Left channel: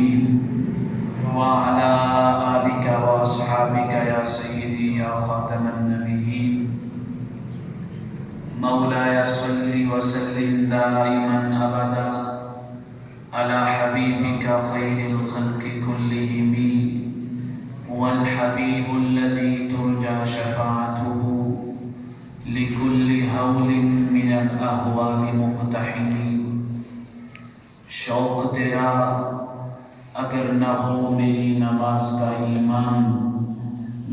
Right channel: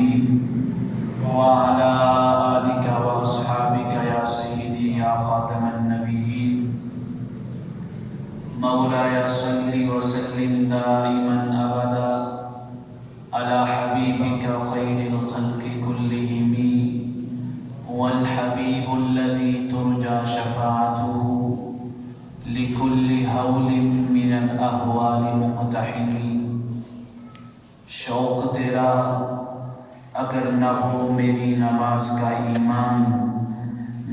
المرسلين وعلى آلك وأصحابك يا سيدي يا خاتم النبيين مولاي صل وسلم دائما أبدا على حبيبك خير الخلق كلهم والحبيب الذي ترجى شفاعته لكل هول من الأهوال مقتحم. شوق تیرا اگر نہ ہو میری نماز کا ایمان،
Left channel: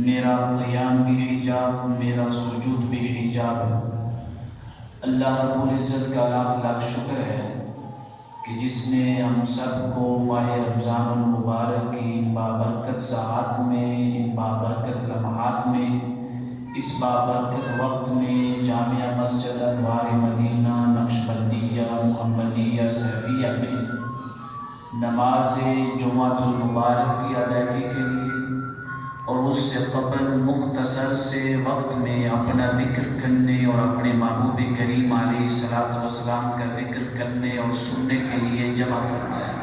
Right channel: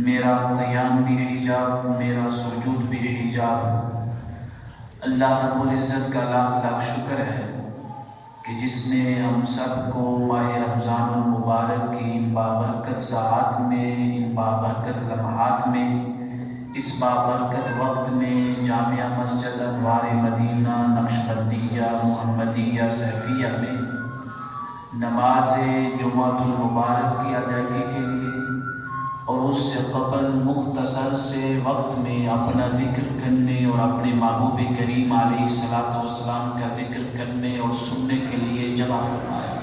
میرا قیام بھی حجاب، میرا سجود بھی حجاب. اللہ رب العزت کا لاکھ لاکھ شکر ہے کہ جس نے ہم سب کو ماہ رمضان المبارک کی ان بابرکت ساعات میں، ان بابرکت لمحات میں، اس بابرکت وقت میں جامعہ مسجد انوار مدینہ نقشبندیہ محمدیہ سیفیہ میں نماز جمعۃ المبارک کی ادائیگی کے لیے اور اس سے قبل مختصر سے وقت میں اپنا ذکر کرنے اور اپنے محبوب کریم علیہ الصلوۃ والسلام کا ذکر کرنے اور سننے کے لیے جمع فرمایا.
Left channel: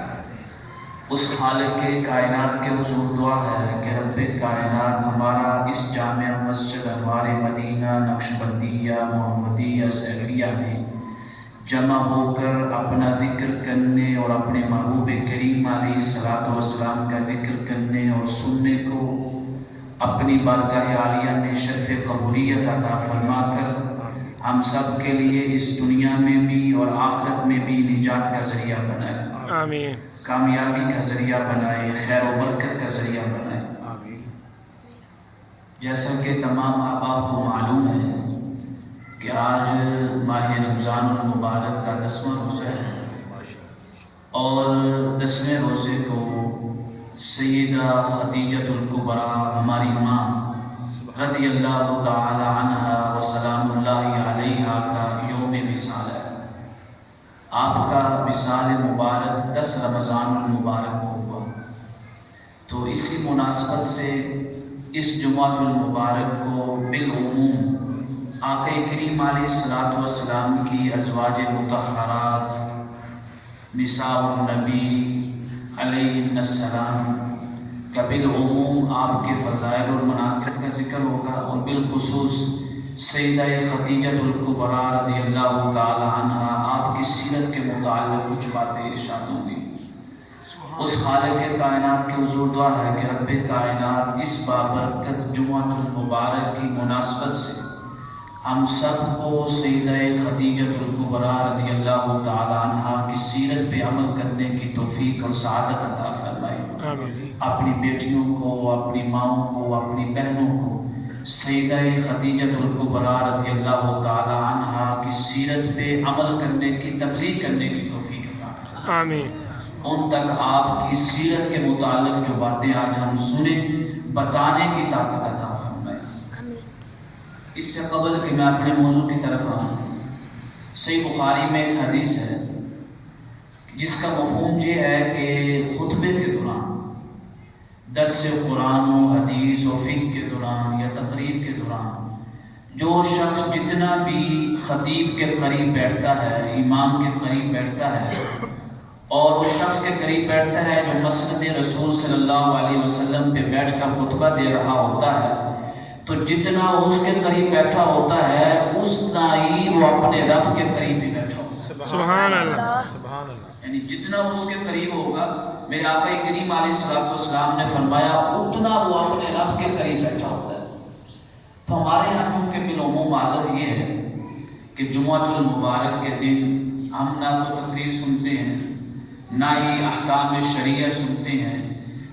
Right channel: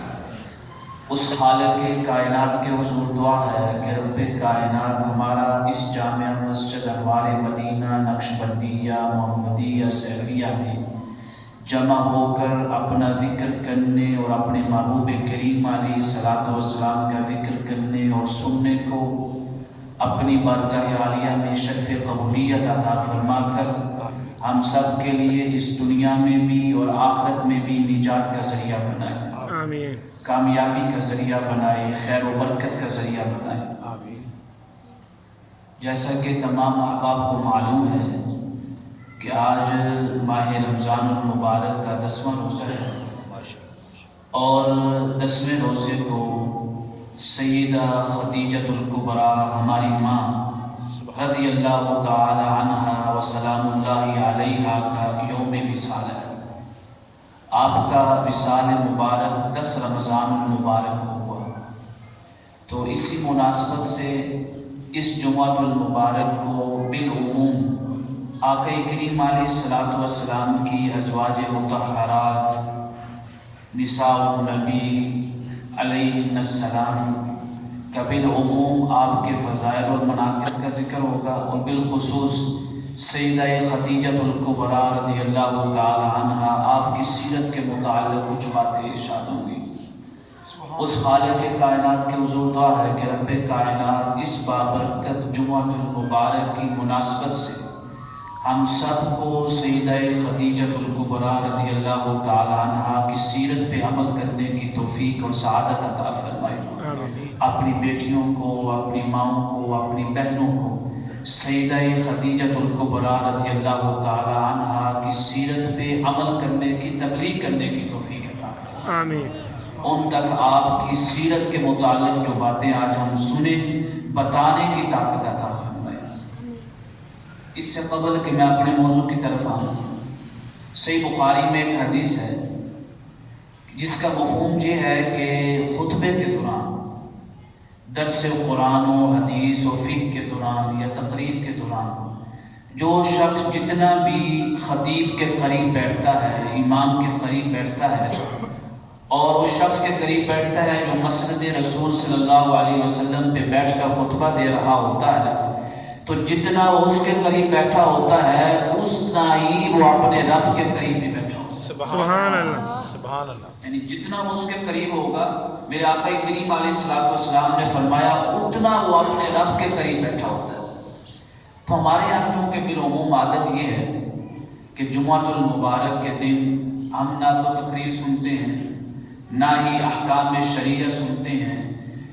اس خالق کائنات کے حضور دعا ہے کہ رب کائنات ہمارا اس جامعہ مسجد انوار مدینہ نقشبندیہ محمدیہ سیفیہ میں جمع ہو کر اپنا ذکر کرنے اور اپنے محبوب کریم علیہ الصلوۃ والسلام کا ذکر کرنے اور سننے کو اپنی بارگاہ عالیہ میں شرف قبولیت عطا فرما کر ہم سب کے لیے اس دنیا میں بھی اور آخرت میں بھی نجات کا ذریعہ بنائے. آمین. کامیابی کا ذریعہ بنائے، خیر و برکت کا ذریعہ بنائے. جیسا کہ تمام احباب کو معلوم ہے کہ آج ماہ رمضان المبارک کا 10واں روزہ ہے اور 10ویں روزے کو سیدہ خدیجۃ الکبریٰ ہماری ماں رضی اللہ تعالی عنہا و سلام اللہ علیہا کا یوم وصال ہے. آپ کا وصال مبارک 10 رمضان المبارک کو ہوا، تو اسی مناسبت سے اس جمعۃ المبارک کو بالعموم آقا کریم علیہ الصلوۃ والسلام کی ازواج مطہرات نساء النبی علیہ السلام کا بالعموم آپ کے فضائل اور مناقب کا ذکر ہوگا، اور بالخصوص سیدہ خدیجۃ الکبریٰ رضی اللہ تعالی عنہا آپ کی سیرت کے متعلق کچھ باتیں ارشاد ہوں گی. اس خالق کائنات کے حضور دعا ہے کہ رب کائنات اس بابرکت جمعۃ المبارک کی مناسبت سے ہم سب کو سیدہ خدیجۃ الکبریٰ رضی اللہ تعالی عنہا کی سیرت پہ عمل کرنے کی توفیق اور سعادت عطا فرمائے. اپنی بیٹیوں کو، اپنی ماؤں کو، اپنی بہنوں کو سیدہ خدیجۃ الکبریٰ رضی اللہ تعالی عنہا کی سیرت پہ عمل کرنے کی، تبلیغ کرنے کی توفیق عطا فرمائے. آمین. ان تک آپ کی سیرت کے متعلق جو باتیں آج ہم سنیں بتانے کی طاقت عطا فرمائے. اس سے قبل کہ میں اپنے موضوع کی طرف آؤں، صحیح بخاری میں ایک حدیث ہے جس کا مفہوم یہ ہے کہ خطبے کے دوران، درس قرآن و حدیث و فقہ کے دوران یا تقریر کے دوران جو شخص جتنا بھی خطیب کے قریب بیٹھتا ہے، امام کے قریب بیٹھتا ہے اور اس شخص کے قریب بیٹھتا ہے جو مسند رسول صلی اللہ علیہ وسلم پہ بیٹھ کر خطبہ دے رہا ہوتا ہے، تو جتنا وہ اس کے قریب بیٹھا ہوتا ہے اتنا ہی وہ اپنے رب کے قریب بھی بیٹھا ہوتا ہے. سبحان اللہ. یعنی جتنا وہ اس کے قریب ہوگا، میرے آقا کریم علیہ الصلوۃ والسلام نے فرمایا اتنا وہ اپنے رب کے قریب بیٹھا ہوتا ہے. تو ہمارے یہاں کیونکہ بالعموم عادت یہ ہے کہ جمعۃ المبارک کے دن ہم نہ تو تقریر سنتے ہیں، نہ ہی احکام شریعہ سنتے ہیں،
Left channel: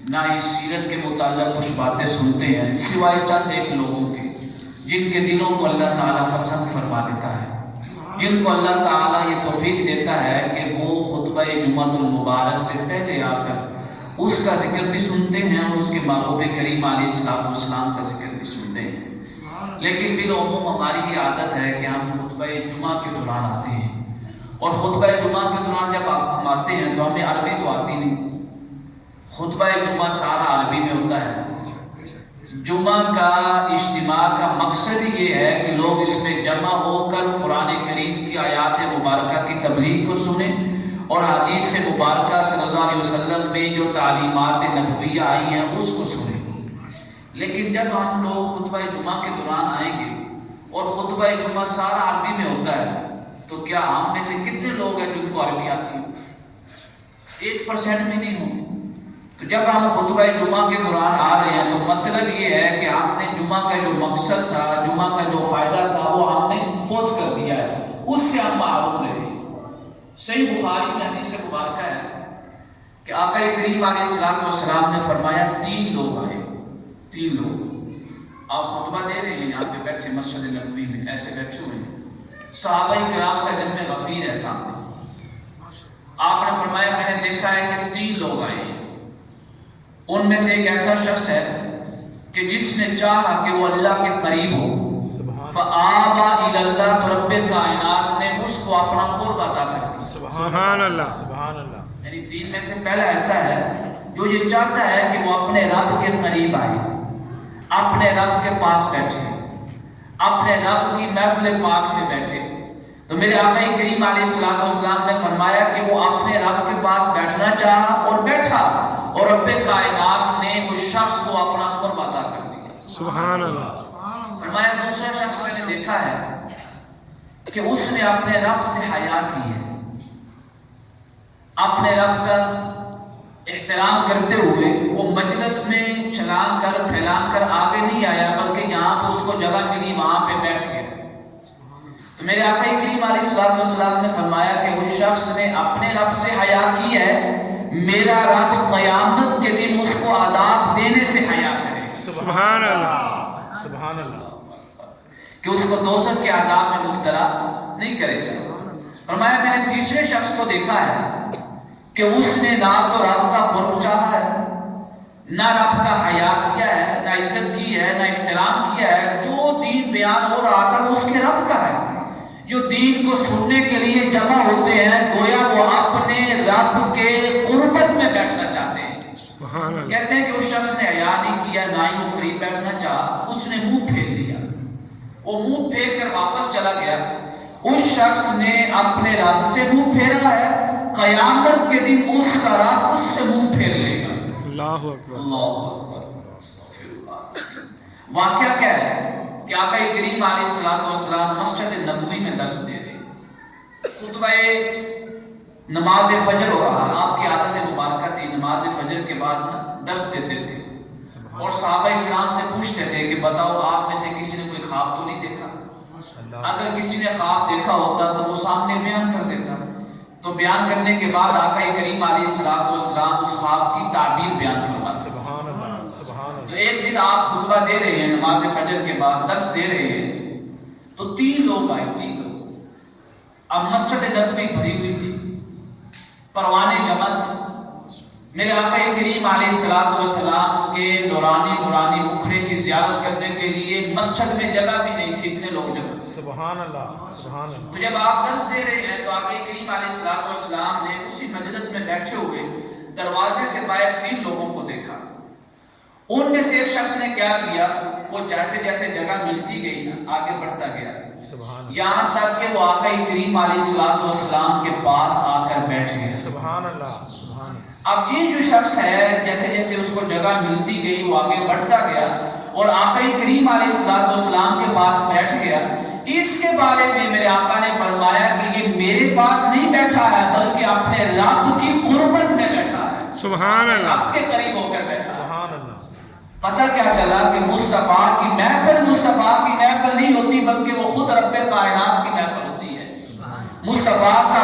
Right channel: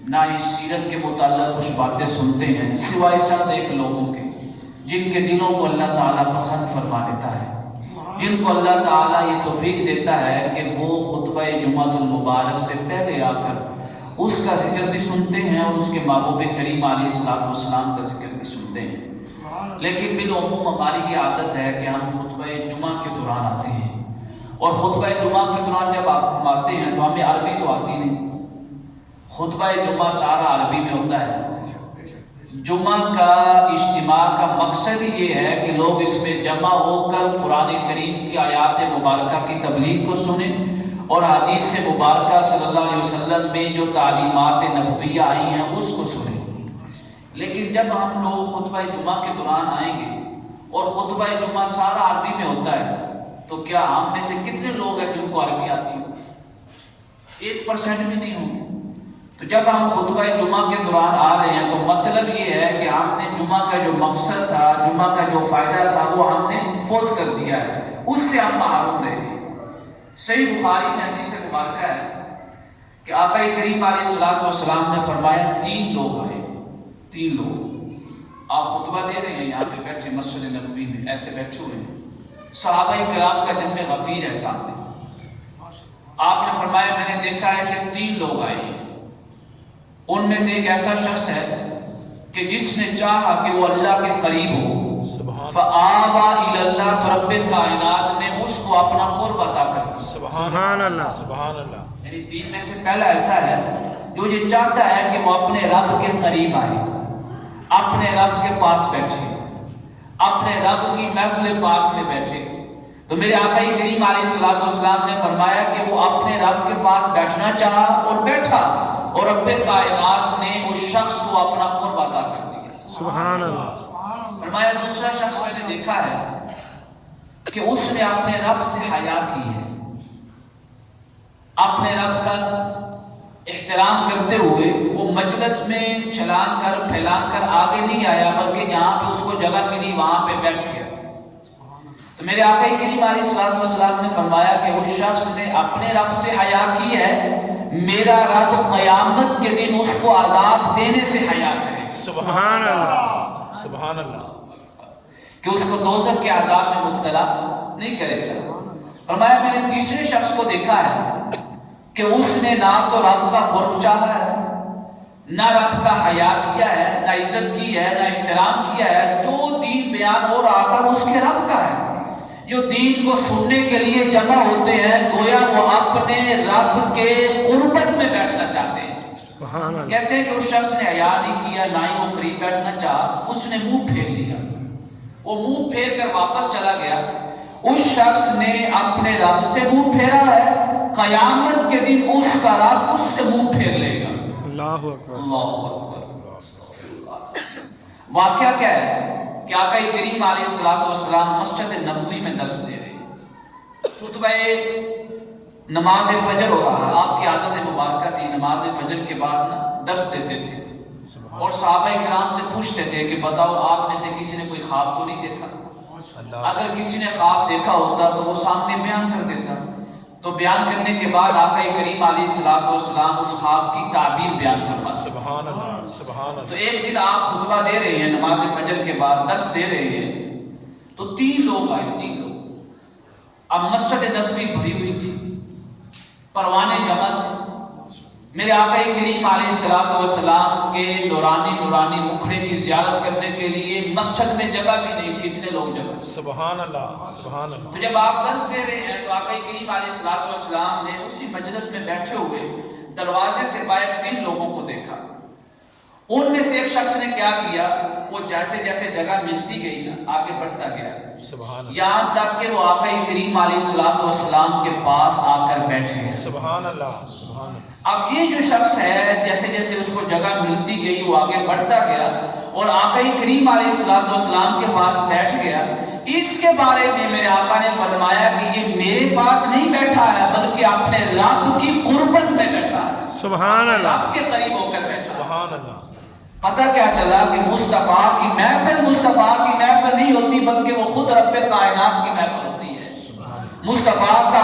نہ ہی سیرت کے متعلق کچھ باتیں سنتے ہیں، سوائے چند ایک لوگوں کے جن کے دلوں کو اللہ تعالیٰ پسند فرما دیتا ہے، جن کو اللہ تعالیٰ یہ توفیق دیتا ہے کہ وہ خطبہ جمعۃ المبارک سے پہلے آ کر اس کا ذکر بھی سنتے ہیں اور اس کے محبوب کریم علیہ الصلوۃ والسلام کا ذکر بھی سنتے ہیں. لیکن بالعموم ہماری یہ عادت ہے کہ ہم خطبہ جمعہ کے دوران آتے ہیں، اور خطبہ جمعہ کے دوران جب ہم آتے ہیں تو ہمیں عربی تو آتی نہیں. خطبہ جمعہ سارا عربی میں ہوتا ہے. جمعہ کا اجتماع کا مقصد یہ ہے کہ لوگ اس میں جمع ہو کر قرآن کریم کی آیات مبارکہ کی تبلیغ کو سنیں اور حدیث مبارکہ صلی اللہ علیہ وسلم میں جو تعلیمات نبویہ آئی ہیں اس کو سنیں. لیکن جب ہم لوگ خطبہ جمعہ کے دوران آئیں گے اور خطبہ جمعہ سارا عربی میں ہوتا ہے تو کیا ہم میں سے کتنے لوگ ہیں جن کو عربی آتی ہو؟ 1% بھی نہیں ہوں. تو جب ہم خطبہ جمعہ کے دوران آ رہے ہیں تو مطلب یہ ہے کہ ہم نے جمعہ کا جو مقصد تھا، جمعہ کا جو فائدہ تھا وہ ہم نے فوت کر دیا ہے، اس سے ہم محروم رہے. صحیح بخاری میں حدیث مبارکہ ہے کہ آقا کریم علیہ الصلوۃ والسلام نے فرمایا 3 لوگ آئے. 3 لوگ. آپ خطبہ دے رہے ہیں یہاں پہ بیٹھے مسجد نبوی میں، ایسے بیٹھے ہوئے ہیں، صحابہ کرام کا جنب غفیر ہے سامنے. آپ نے فرمایا میں نے دیکھا ہے کہ 3 لوگ آئے ہیں. ان میں سے ایک ایسا شخص ہے کہ جس نے چاہا کہ وہ اللہ کے قریب ہو، فآبا الی اللہ، تو رب کائنات نے اس کو اپنا قرب عطا کر دیا. سبحان اللہ. یعنی 3 میں سے پہلا ایسا ہے جو یہ چاہتا ہے کہ وہ اپنے رب کے قریب آئے، اپنے رب کے پاس بیٹھے، اپنے رب کی محفل پاک میں بیٹھے. تو میرے آقا کریم علیہ الصلوۃ والسلام نے فرمایا کہ وہ اپنے رب کے پاس بیٹھنا چاہا اور بیٹھا، اور رب کائنات نے اس شخص کو اپنا قرب عطا کر دیا. سبحان اللہ. فرمایا دوسرا شخص میں نے دیکھا ہے کہ اس نے اپنے رب سے حیا کی ہے، اپنے رب کا احترام کرتے ہوئے وہ مجلس میں چھلانگ کر پھیلانگ کر آگے نہیں آیا، بلکہ جہاں پہ اس کو جگہ ملی وہاں پہ بیٹھ گیا. تو میرے آقا کریم علیہ الصلوۃ والسلام نے فرمایا کہ اس شخص نے اپنے رب سے حیا کی ہے، میرا رب قیامت کے دن اس کو عذاب دینے سے حیا کرے. سبحان اللہ. سبحان اللہ. کہ اس کو دوزخ کے عذاب میں مبتلا نہیں کرے گا. فرمایا میں نے تیسرے شخص کو دیکھا ہے کہ اس نے نہ تو رب کا قرب چاہا ہے، نہ رب کا حیا کیا ہے، نہ عزت کی ہے، نہ احترام کیا ہے. جو دین بیان ہو رہا تھا وہ اس کے رب کا ہے. جو دین کو سننے کے لیے جمع ہوتے ہیں گویا وہ اپنے رب کے قربت میں بیٹھنا چاہتے ہیں. سبحان اللہ. کہتے ہیں کہ اس شخص نے حیا نہیں کیا، نہ ہی وہ قریب بیٹھنا چاہا، اس نے منہ پھیر لیا. وہ منہ پھیر کر واپس چلا گیا. اس شخص نے اپنے رب سے منہ پھیرا ہے، قیامت کے دن اس کا رب اس سے منہ پھیر لے گا. اللہ اکبر. اللہ اکبر. استغفر اللہ. واقعہ کیا ہے کہ آقا کریم علیہ الصلوۃ والسلام مسجد نبوی میں درس دے رہے ہیں. خطبہ نماز فجر ہو رہا ہے. آپ کی عادت مبارکہ تھی نماز فجر کے بعد درس دیتے تھے اور صحابہ کرام سے پوچھتے تھے کہ بتاؤ آپ میں سے کسی نے کوئی خواب تو نہیں دیکھا؟ اگر کسی نے خواب دیکھا ہوتا تو وہ سامنے بیان کر دیتا. تو بیان کرنے کے بعد آقا کریم علیہ الصلوۃ والسلام اس خواب کی تعبیر بیان فرماتے. تو ایک دن آپ خطبہ دے رہے ہیں نماز فجر کے بعد درس دے رہے ہیں تو 3 لوگ آئے. 3 لوگ. اب مسجد نبوی بھری ہوئی تھی، پروانے جمع تھے. میرے آقا کریم علیہ الصلوۃ والسلام کے نورانی مکھڑے کی زیارت کرنے کے لیے مسجد میں جگہ بھی نہیں تھی، اتنے لوگ جگہ. سبحان اللہ. سبحان اللہ. تو جب آپ درس دے رہے ہیں تو آقا کریم علیہ الصلوۃ والسلام نے اسی مجلس میں بیٹھے ہوئے دروازے سے باہر 3 لوگوں کو دیکھا. ان میں سے ایک شخص نے کیا کیا، وہ جیسے جیسے جگہ ملتی گئی نا آگے بڑھتا گیا، یہاں تک کہ وہ آقا کریم علیہ الصلوۃ والسلام کے پاس آ کر بیٹھے. سبحان اللہ. اب یہ جو شخص ہے جیسے جیسے اس کو جگہ ملتی گئی وہ آگے بڑھتا گیا اور آقا کریم علیہ الصلوۃ والسلام کے پاس بیٹھ گیا. اس کے بارے میں میرے آقا نے فرمایا کہ یہ میرے پاس نہیں بیٹھا ہے بلکہ اپنے رب کی قربت میں بیٹھا ہے. سبحان اللہ. رب کے قریب ہو کر بیٹھا ہے. پتہ کیا چلا کہ مصطفیٰ کی محفل نہیں ہوتی بلکہ وہ خود رب کائنات کی محفل ہوتی ہے. مصطفیٰ کا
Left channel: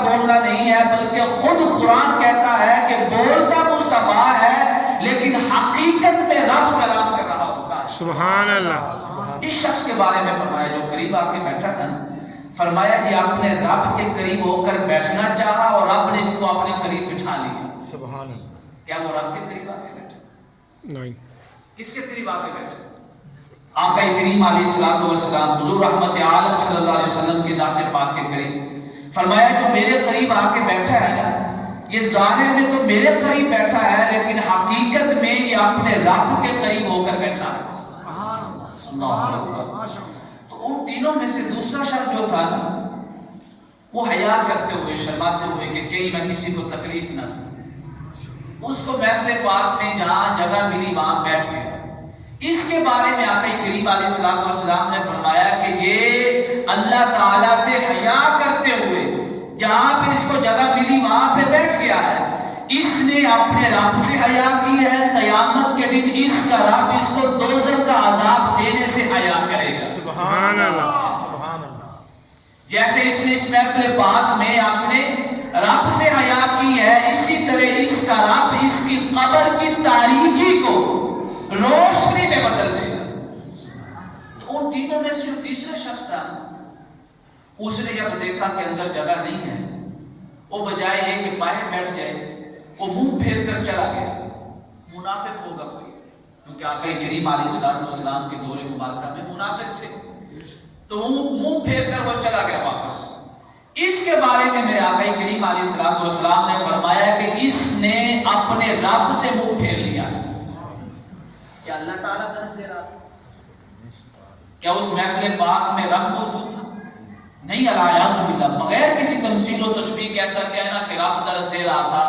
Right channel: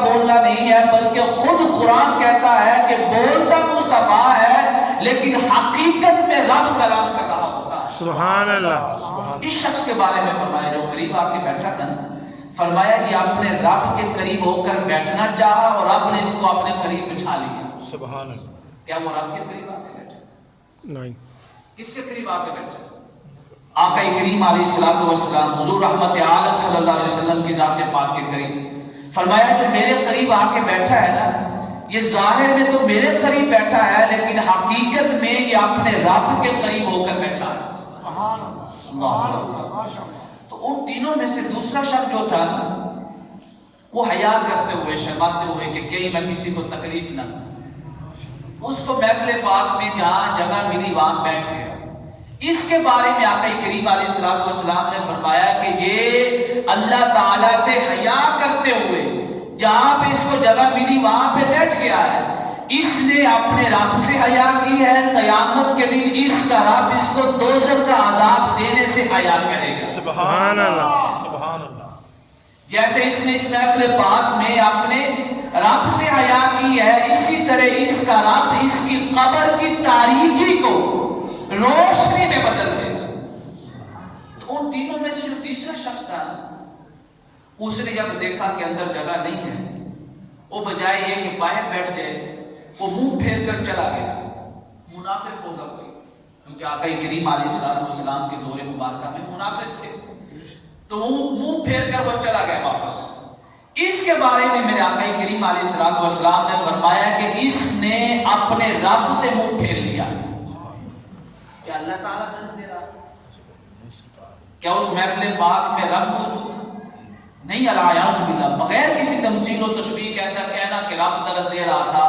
بولنا نہیں ہے بلکہ خود قرآن کہتا ہے کہ بولتا مصطفیٰ ہے لیکن حقیقت میں رب کلام کر رہا ہوتا ہے. سبحان اللہ. اس شخص کے بارے میں فرمایا جو قریب آ کے بیٹھا تھا، فرمایا کہ اپنے رب کے قریب ہو کر بیٹھنا چاہا اور رب نے اس کو اپنے قریب بٹھا لیا. سبحان اللہ. کیا وہ رب کے قریب آ کے بیٹھا؟ نہیں. کس کے قریب آ کے بیٹھا؟ آقا کریم علیہ الصلوۃ والسلام حضور رحمت عالم صلی اللہ علیہ وسلم کی ذات پاک کے قریب. فرمایا جو میرے قریب آ کے بیٹھا ہے نا، یہ ظاہر میں تو میرے قریب بیٹھا ہے لیکن حقیقت میں یہ اپنے رب کے قریب ہو کر بیٹھا ہے. تو ان تینوں میں سے دوسرا شخص جو تھا وہ حیا کرتے ہوئے شرماتے ہوئے کہ کہیں میں کسی کو تکلیف نہ دوں، اس کو محفل پاک میں جہاں جگہ ملی وہاں بیٹھ گیا۔ اس کے بارے میں آقا کریم علیہ الصلوۃ والسلام نے فرمایا کہ یہ اللہ تعالیٰ سے حیا کرتے ہوئے جہاں پہ اس کو جگہ ملی وہاں پہ بیٹھ گیا ہے، اس نے اپنے رب سے حیا کی ہے، قیامت کے دن اس کا رب اس کو دوزخ کا عذاب دینے سے حیا کرے گا۔ سبحان اللہ۔ جیسے اس نے اس محفل پاک میں اپنے رب سے حیا کی ہے، اسی طرح اس کا رب اس کی قبر کی تاریکی کو روشنی میں بدل دے گا۔ تو ان تینوں میں سے جو تیسرا شخص تھا، اس نے جب دیکھا کہ اندر جگہ نہیں ہے، وہ بجائے یہ کہ باہر بیٹھ جائے، وہ منہ پھیر کر چلا گیا۔ منافق ہوگا کوئی، کیونکہ آقا کریم علیہ السلام کے دور مبارکہ میں منافق تھے، تو وہ منہ پھیر کر وہ چلا گیا واپس۔ اس کے بارے میں میرے آقا کریم علیہ السلام نے فرمایا کہ اس نے اپنے رب سے منہ پھیر لیا۔ کیا اللہ تعالیٰ درس دے رہا تھا؟ کیا اس محفل پاک میں رب موجود تھا؟ نہیں، الیاذ باللہ، بغیر کسی تمثیل و تشبیہ کے ایسا کہنا کہ رب درس دے رہا تھا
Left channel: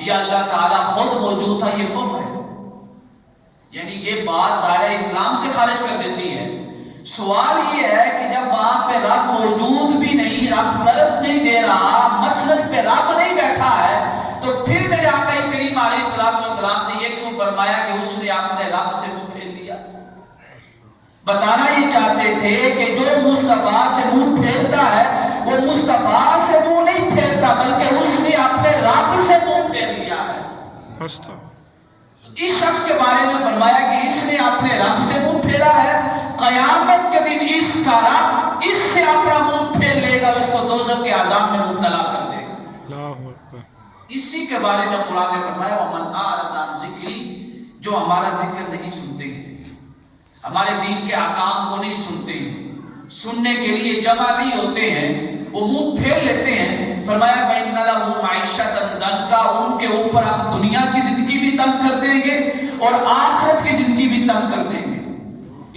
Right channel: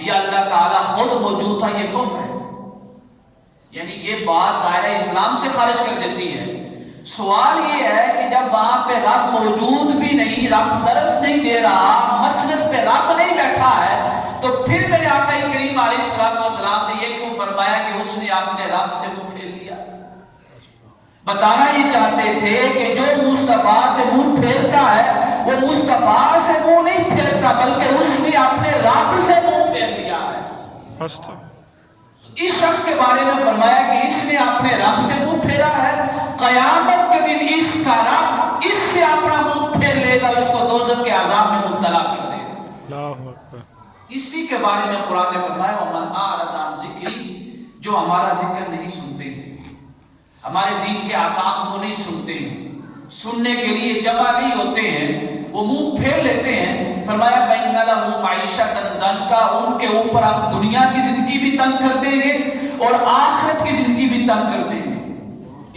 یا اللہ تعالیٰ خود موجود تھا، یہ کفر ہے۔ یعنی یہ بات دائرہ اسلام سے خارج کر دیتی ہے۔ سوال یہ ہے کہ جب وہاں پہ رب موجود بھی نہیں، رب درس نہیں دے رہا، مسند پہ رب نہیں بیٹھا ہے، تو پھر میرے آقا کریم علیہ السلام نے یہ کیوں فرمایا کہ اس نے اپنے رب سے منہ پھیر لیا؟ بتانا یہ چاہتے تھے کہ جو مصطفیٰ سے منہ پھیرتا ہے وہ مصطفیٰ سے منہ نہیں پھیرتا، بلکہ اس نے اپنے رب سے منہ پھیر لیا ہے۔ اس شخص کے بارے میں فرمایا کہ اس نے اپنے رب سے منہ پھیرا ہے، قیامت کے دن اس کا رب اس سے اپنا منہ پھیر لے گا، اس کو دوزخ کے عذاب میں مبتلا کر دے گا۔ اللہ اکبر۔ اسی کے بارے میں قرآن نے فرمایا وَمَنْ أَعْرَضَ عَنْ ذِكْرِي، جو ہمارا ذکر نہیں سنتے، ہمارے دین کے احکام کو نہیں سنتے، سننے کے لیے جمع نہیں ہوتے ہیں، وہ منہ پھیر لیتے ہیں۔ فرمایا فَإِنَّ لَهُ مَعِيشَةً ضَنْكَ، ان کے اوپر آپ دنیا کی زندگی بھی تنگ کر دیں گے اور آخرت کی زندگی بھی تنگ کر دیں گے۔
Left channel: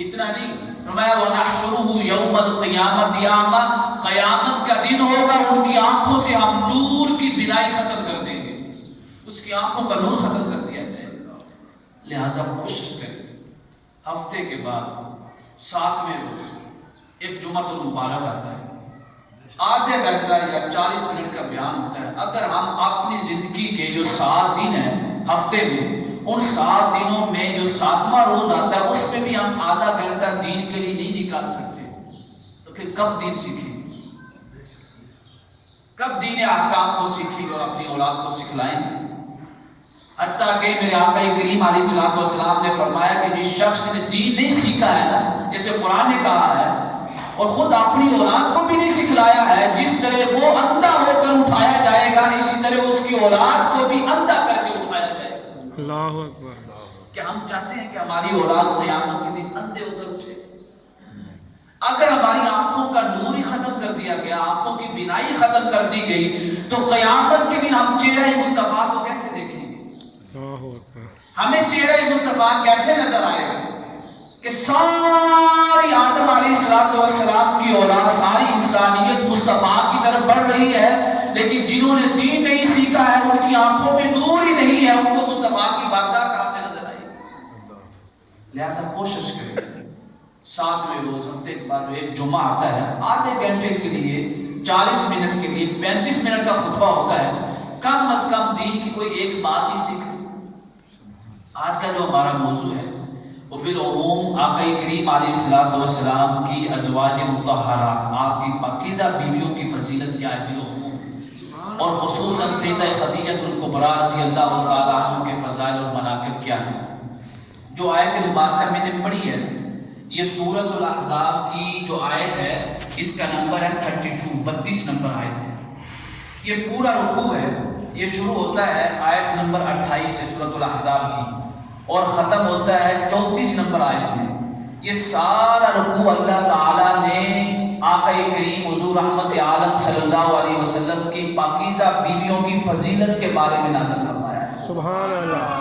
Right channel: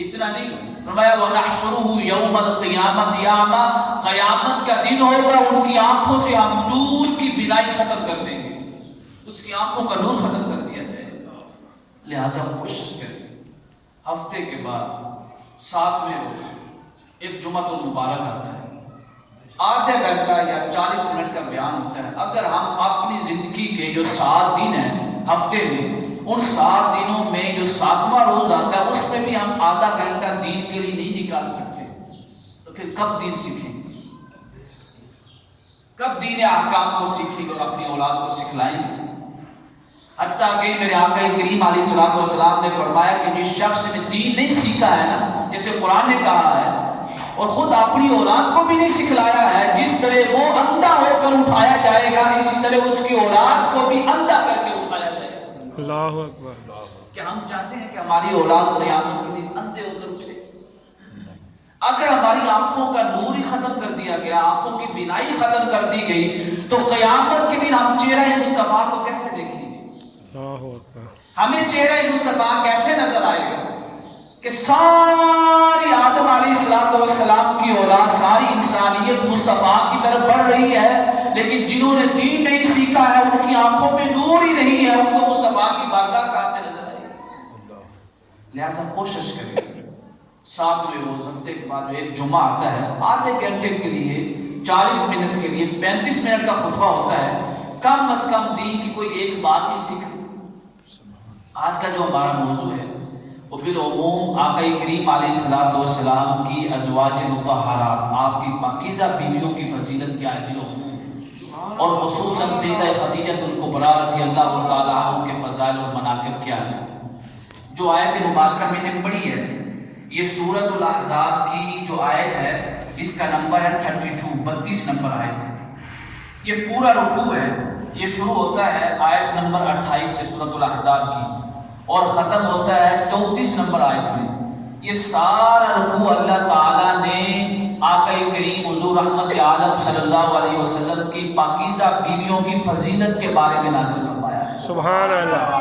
اتنا نہیں، فرمایا وَنَحْشُرُهُ يَوْمَ الْقِيَامَةِ أَعْمَى، قیامت کا دن ہوگا ان کی آنکھوں سے ہم نور کی بینائی ختم کر دیں گے، اس کی آنکھوں کا نور ختم کر دیا جائے گا۔ لہذا کوشش کریں ہفتے کے بعد 7ویں روز ایک جمعہ المبارک آتا ہے، آدھے گھنٹہ یا 40 منٹ کا بیان ہوتا ہے۔ اگر ہم اپنی زندگی کے جو 7 دن ہیں ہفتے میں، ان 7 دنوں میں جو 7واں روز آتا ہے اس میں بھی ہم آدھا گھنٹہ دین کے لیے نہیں نکال سکتے، تو پھر کب دین سیکھیں گے؟ کب دین احکام کو سیکھیں گے اور اپنی اولاد کو سکھلائیں گے؟ حتیٰ کہ میرے آقا کریم علیہ السلام نے فرمایا کہ جس شخص نے دین نہیں سیکھا ہے نا، جیسے قرآن نے کہا ہے، اور خود اپنی اولاد کو بھی نہیں سکھلایا ہے، جس طرح وہ اندھا ہو کر اٹھایا جائے گا اسی طرح اس کی اولاد کو بھی اندھا کر کے اٹھایا جائے گا۔ اللہ اکبر۔ کیا ہم چاہتے ہیں کہ ہماری اولاد قیامت کے دن اندھے ہو کر اٹھے؟ اگر ہماری آنکھوں کا نور ہی ختم کر دیا گیا، آنکھوں کی بینائی ختم کر دی گئی، تو قیامت کے دن ہم چہرہ مصطفیٰ کو کیسے دیکھیں گے؟ اللہ اکبر۔ ہمیں چہرہ مصطفیٰ کیسے نظر آئے گا کہ ساری آدم علیہ السلام کی اولاد، ساری انسانیت مصطفیٰ کی طرف بڑھ رہی ہے، لیکن جنہوں نے دین نہیں سیکھا ہے ان کی آنکھوں میں نور ہی نہیں ہے، ان کو مصطفیٰ کی بارگاہ کہاں سے نظر آئے گی؟ لہذا کوشش کریں 7ویں روز ہفتے کے بعد جو ایک جمعہ آتا ہے، آدھے گھنٹے کے لیے 40 منٹ کے لیے 35 منٹ کا خطبہ ہوتا ہے، کم از کم دین کی کوئی ایک بات ہی سیکھیں۔ آج کا جو ہمارا موضوع ہے وہ بالعموم آقا کریم علیہ السلام کی ازواج مطہرات، آپ کی پاکیزہ بیویوں کی فضیلت کیا ہے بالعموم، اور خصوصاً سیدہ خدیجہ الکبریٰ رضی اللہ تعالیٰ عنہ کے فضائل اور مناقب کیا ہے۔ جو آیت مبارکہ میں نے پڑھی ہے، یہ سورۃ الاحزاب کی جو آیت ہے اس کا نمبر ہے 32 نمبر آیت ہے۔ یہ پورا رکوع ہے، یہ شروع ہوتا ہے آیت نمبر 28 سے سورۃ الاحزاب کی اور ختم ہوتا ہے 34 نمبر آیت میں۔ یہ سارا رکوع اللہ تعالیٰ نے آقا کریم حضور رحمت عالم صلی اللہ علیہ وسلم کی پاکیزہ بیویوں کی فضیلت کے بارے میں نازل فرمایا ہے۔ سبحان اللہ۔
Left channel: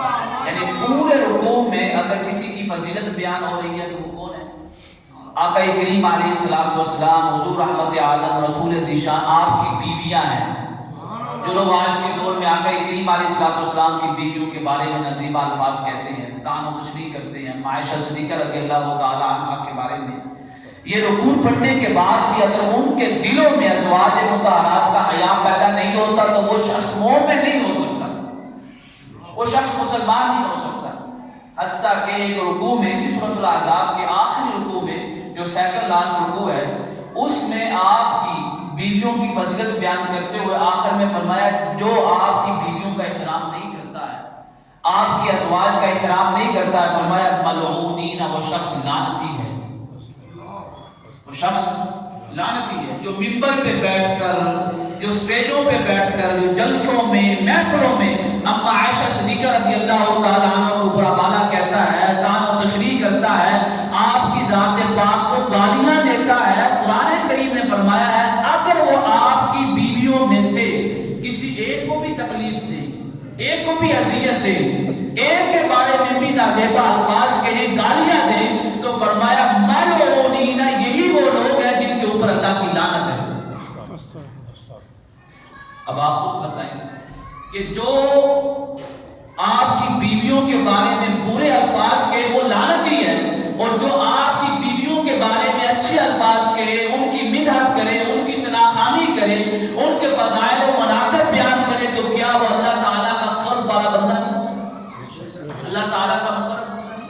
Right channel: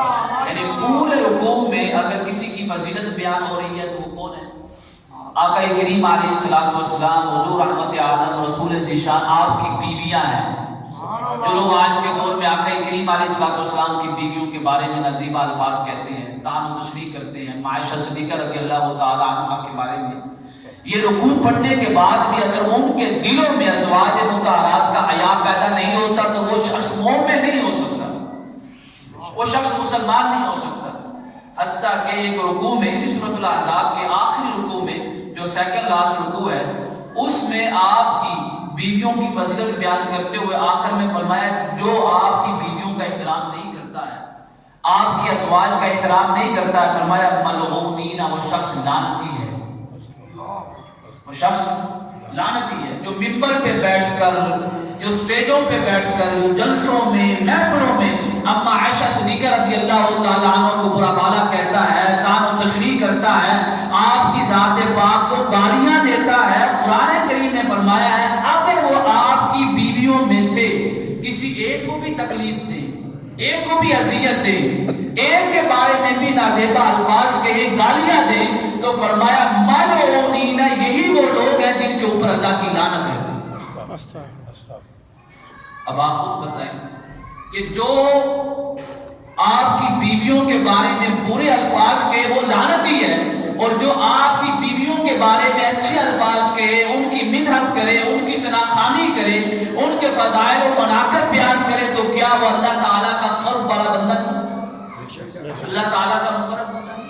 یعنی پورے رکوع میں اگر کسی کی فضیلت بیان ہو رہی ہے تو وہ کون ہے؟ آقا کریم علیہ الصلوۃ والسلام حضور رحمت عالم رسول ذیشان آپ کی بیویاں ہیں. جو لوگ آج کے دور میں آقا کریم علیہ الصلوۃ والسلام کی بیویوں کے بارے میں نزیبہ الفاظ کہتے ہیں، طعن و تشریح کرتے ہیں، عائشہ صدیقہ رضی اللہ تعالی عنہا کے بارے میں یہ رکوع پڑھنے کے بعد بھی اگر ان کے دلوں میں ازواج مطہرات کا حیا پیدا نہیں ہوتا تو وہ شخص مومن نہیں ہو سکتا، وہ شخص مسلمان نہیں ہو سکتا. حتیٰ کہ ایک رکوع میں اسی سورۃ الاحزاب کے آخری رکوع میں جو سیکنڈ لاسٹ رکوع ہے اس میں آپ کی بیویوں کی فضیلت بیان کرتے ہوئے آخر میں فرمایا جو آپ کی بیویوں کا احترام نہیں کرتا ہے، آپ کی ازواج کا احترام نہیں کرتا ہے، فرمایا ملعونین، وہ شخص لعنتی ہے، وہ شخص لعنتی ہے. جو منبر پہ بیٹھ کر، جو سٹیجوں پہ بیٹھ کر، جلسوں میں، محفلوں میں اما عائشہ صدیقہ رضی اللہ تعالی عنہ کو برا بھلا کہتا ہے، طعن و تشریح کرتا ہے، آپ کی ذات پاک کو گالیاں دیتا ہے. قرآن کریم نے فرمایا ہے اگر وہ آپ کی بیویوں میں سے کسی ایک کو بھی تکلیف دے، ایک کو بھی اذیت دے، ایک کے بارے میں بھی نازیبا الفاظ کہے، گالیاں دے، تو فرمایا ملعونین، یہی وہ لوگ ہیں جن کے اوپر اللہ کی لعنت ہے. اب آپ خود بتائیں کہ جو آپ کی بیویوں کے بارے میں برے الفاظ کہے وہ لعنتی ہے، اور جو آپ کی بیویوں کے بارے میں اچھے الفاظ کہے، ان کی مدحت کرے، ان کی ثناخوانی کرے، ان کے فضائل و مناقب بیان کرے، تو کیا وہ اللہ تعالیٰ کا قرب والا بندہ نہیں؟ اللہ تعالیٰ کا مقرب بندہ نہیں؟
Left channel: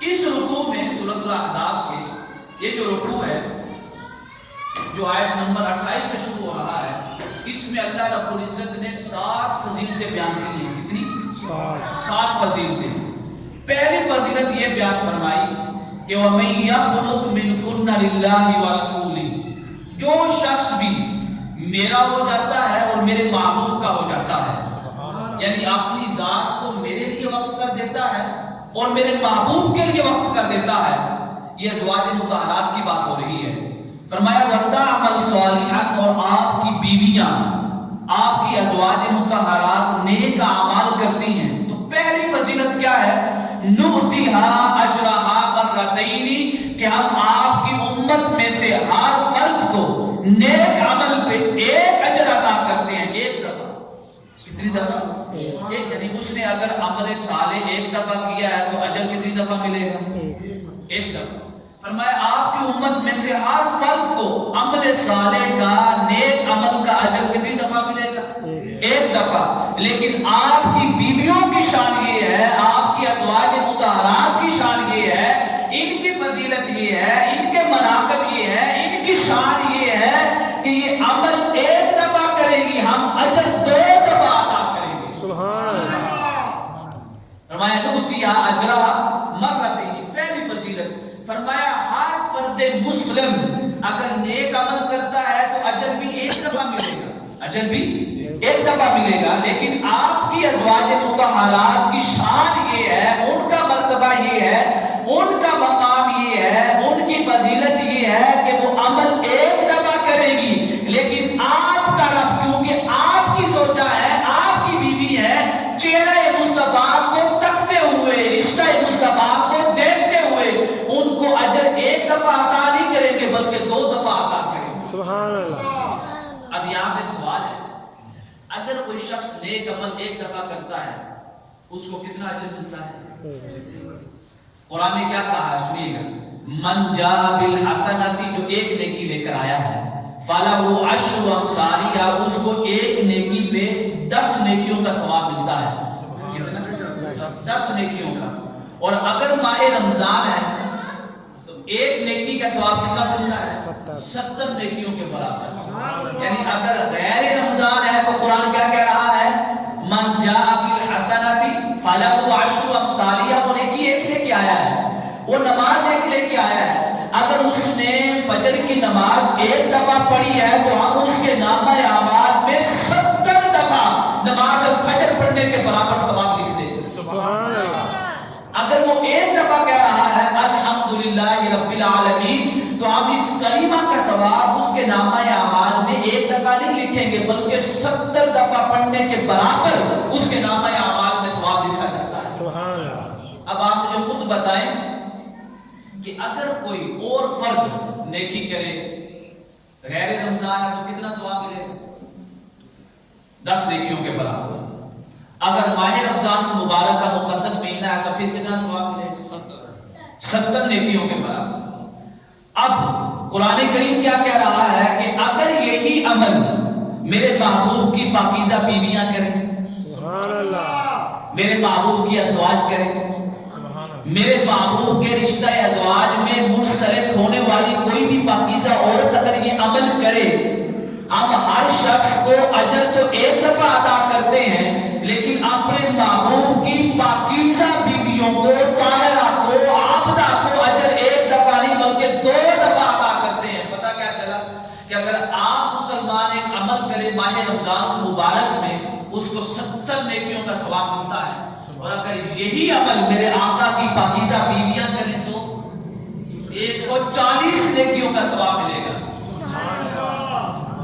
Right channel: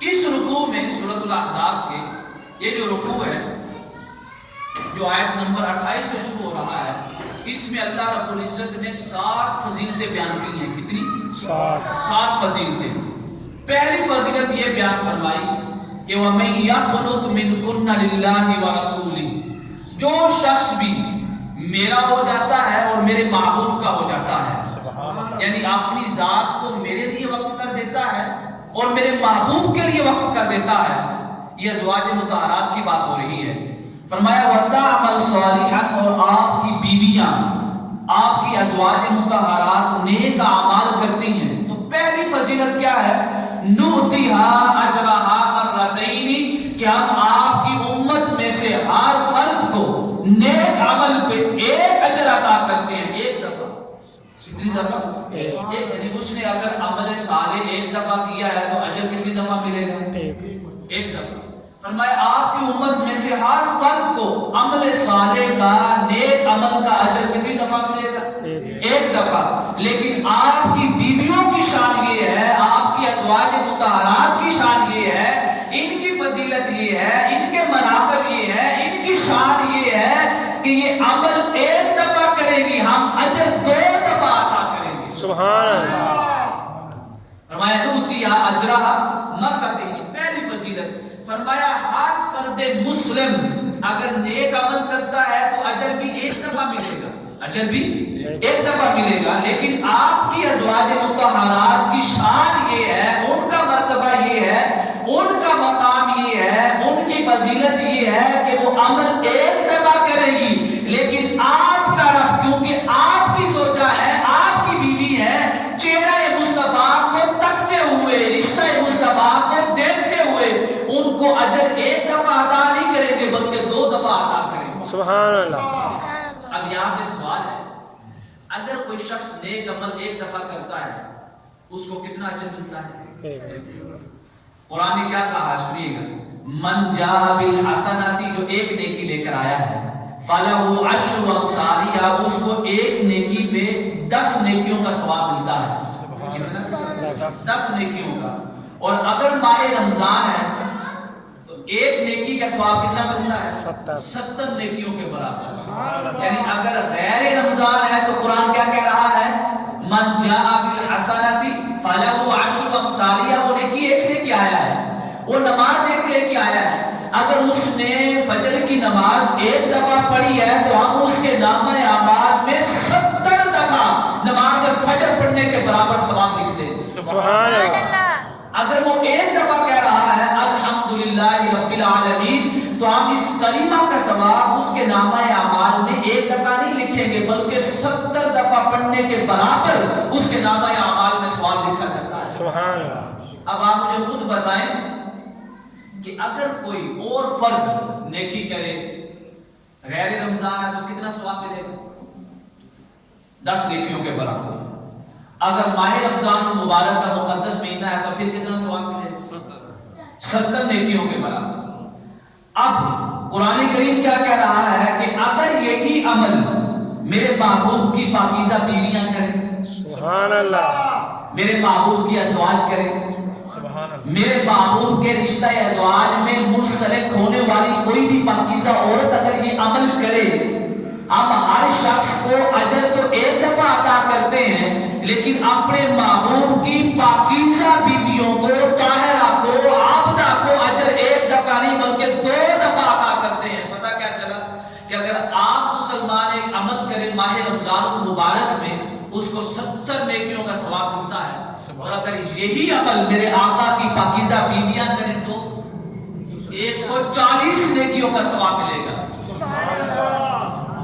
اس رکوع میں سورۃ الاحزاب کے یہ جو رکوع ہے جو آیت نمبر 28 سے شروع ہو رہا ہے، اس میں اللہ رب العزت نے 7 فضیلتیں بیان کی ہیں. کتنی؟ 7 فضیلتیں. پہلی فضیلت یہ بیان فرمائی کہ وَمَن يَقْنُتْ مِنْكُنَّ لِلَّهِ وَرَسُولِهِ، جو شخص بھی میرا ہو جاتا ہے اور میرے محبوب کا ہو جاتا ہے، یعنی اپنی ذات کو میرے لیے وقف کر دیتا ہے اور میرے محبوب کے لیے وقف کر دیتا ہے. یہ ازواج مطہرات کی بات ہو رہی ہے. فرمایا وَتَعْمَلْ صَالِحًا، اور آپ کی بیویاں، آپ کی ازواج مطہرات نیک اعمال کرتی ہیں. تو پہلی فضیلت کیا ہے؟ نُؤْتِهَا أَجْرَهَا مَرَّتَيْنِ، کہ ہم آپ کی امت میں سے ہر فرد کو نیک عمل پہ ایک اجر عطا کرتے ہیں، ایک دفعہ. کتنی دفعہ؟ ایک. یعنی اس نے اگر عمل صالح ایک دفعہ کیا ہے تو اجر کتنی دفعہ ملے گا؟ ایک دفعہ. فرمایا آپ کی امت میں سے ہر فرد کو عمل صالح کا، نیک عمل کا اجر کتنی دفعہ ملے گا؟ ایک دفعہ. لیکن آپ کی بیویوں کی شان یہ ہے، آپ کی ازواج مطہرات کی شان یہ ہے، ان کی فضیلت یہ ہے، ان کے مناقب یہ ہے، ان کی شان یہ ہے کہ یہ عمل ایک دفعہ کریں گی، ہم اجر 2 دفعہ عطا کریں گے. سبحان اللہ. فرمایا نُؤْتِهَا أَجْرَهَا مَرَّتَيْنِ. پہلی فضیلت فرمایا ہر فرد مسلم اگر نیک عمل کرتا ہے تو اجر بھی ایک دفعہ ملے گا، اجر بھی ایک دفعہ ملے گا. لیکن آپ کی ازواج مطہرات کی شان یہ ہے، ان کا مرتبہ یہ ہے، ان کا مقام یہ ہے، ان کی فضیلت یہ ہے کہ وہ عمل ایک دفعہ کرے گی. لیکن آپ کا رب، کیونکہ آپ کی زوجہ ہے، آپ کی بیوی ہے، چہرہ مصطفیٰ کو تکتے ہوئے، رشتہ مصطفیٰ کو دیکھتے ہوئے ان کو اجر ایک دفعہ عطا نہیں کریں گے بلکہ 2 دفعہ عطا کریں گے. سبحان اللہ. اب یہاں پہ سوال ہے، اگر کوئی شخص نیک عمل ایک دفعہ کرتا ہے اس کو کتنا اجر ملتا ہے؟ قرآن نے کیا کہا ہے سنیے گا. من جاء بالحسنۃ، جو ایک نیکی لے کر آیا ہے، فَلَهُ عَشْرُ أَمْثَالِهَا، اس کو ایک نیکی پہ 10 نیکیوں کا ثواب ملتا ہے. کتنا؟ 10 نیکیوں کا. اور اگر ماہ رمضان ہے تو ایک نیکی کا ثواب کتنا ملتا ہے؟ 70 نیکیوں کے برابر. یعنی اگر غیر رمضان ہے تو قرآن کیا کہہ رہا ہے؟ من جاء بالحسنۃ فَلَهُ عَشْرُ أَمْثَالِهَا. وہ نیکی ایک لے کے آیا ہے، وہ نماز ایک لے کے آیا ہے. اگر اس نے فجر کی نماز ایک دفعہ پڑھی ہے تو ہم اس کے نامہ اعمال میں 70 دفعہ نماز فجر پڑھنے کے برابر ثواب لکھ دیں. سبحان اللہ. اگر وہ ایک دفعہ کہہ رہا ہے الحمدللہ رب العالمین تو ہم اس کلمہ کا ثواب اس کے نامہ اعمال میں ایک دفعہ نہیں لکھیں گے بلکہ 70 دفعہ پڑھنے کے برابر اس کے نامہ اعمال میں ثواب لکھا جاتا ہے. سبحان اللہ. اب آپ مجھے خود بتائیں کہ اگر کوئی اور فرد نیکی کرے غیر رمضان ہے تو کتنا ثواب ملے گا؟ 10 نیکیوں کے برابر. اگر ماہ رمضان المبارک کا مقدس مہینہ ہے تو پھر کتنا ثواب ملے گا؟ 70 نیکیوں کے برابر. اب قرآن کریم کیا کہہ رہا ہے کہ اگر یہی عمل میرے محبوب کی پاکیزہ بیویاں کریں، سبحان اللہ، میرے محبوب کی ازواج کریں، میرے محبوب کے رشتہ ازواج میں منسلک ہونے والی کوئی بھی پاکیزہ عورت اگر یہ عمل کرے، ہم ہر شخص کو اجر تو ایک دفعہ عطا کرتے ہیں لیکن اپنے محبوب کی پاکیزہ بیویوں کو، طاہرہ کو، عابدہ کو اجر ایک دفعہ نہیں بلکہ 2 دفعہ عطا کرتے ہیں. پتہ کیا چلا کہ اگر آپ مسلمان ایک عمل کرے ماہ رمضان المبارک میں اس کو 70 نیکیوں کا ثواب ملتا ہے، اور اگر یہی عمل میرے آقا کی پاکیزہ بیویاں کریں تو 140 نیکیوں کا ثواب ملے گا.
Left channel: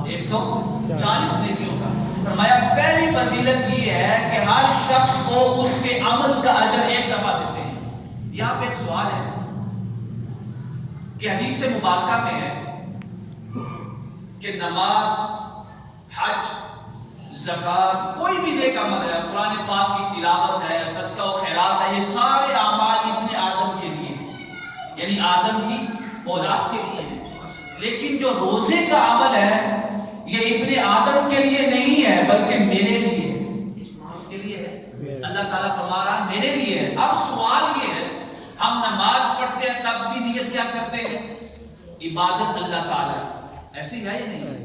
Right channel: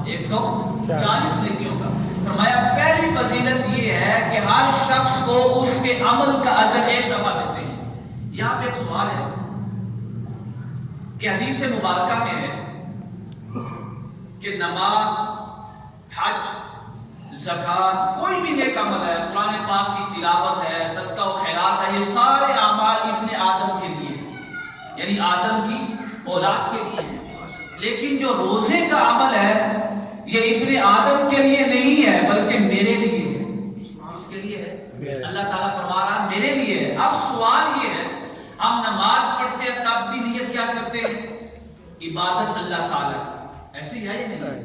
140 نیکیوں کا. فرمایا پہلی فضیلت یہ ہے کہ ہر شخص کو اس کے عمل کا اجر ایک دفعہ دیتے ہیں. یہاں پہ ایک سوال ہے کہ حدیث مبارکہ میں ہے کہ نماز، حج، زکوٰۃ، کوئی بھی نیک عمل ہے، قرآن پاک کی تلاوت ہے، صدقہ و خیرات ہے، یہ سارے اعمال ابن آدم کے لیے، یعنی آدم کی اولاد کے لیے ہیں. لیکن جو روزے کا عمل ہے یہ ابن آدم کے لیے نہیں ہے بلکہ میرے لیے ہے. اس کے لیے ہے. اللہ تعالیٰ فرما رہا ہے میرے لیے ہے. اب سوال یہ ہے، ہم نماز پڑھتے ہیں تب بھی نیت کیا کرتے ہیں؟ عبادت اللہ تعالیٰ کی. ایسی ہے یا نہیں؟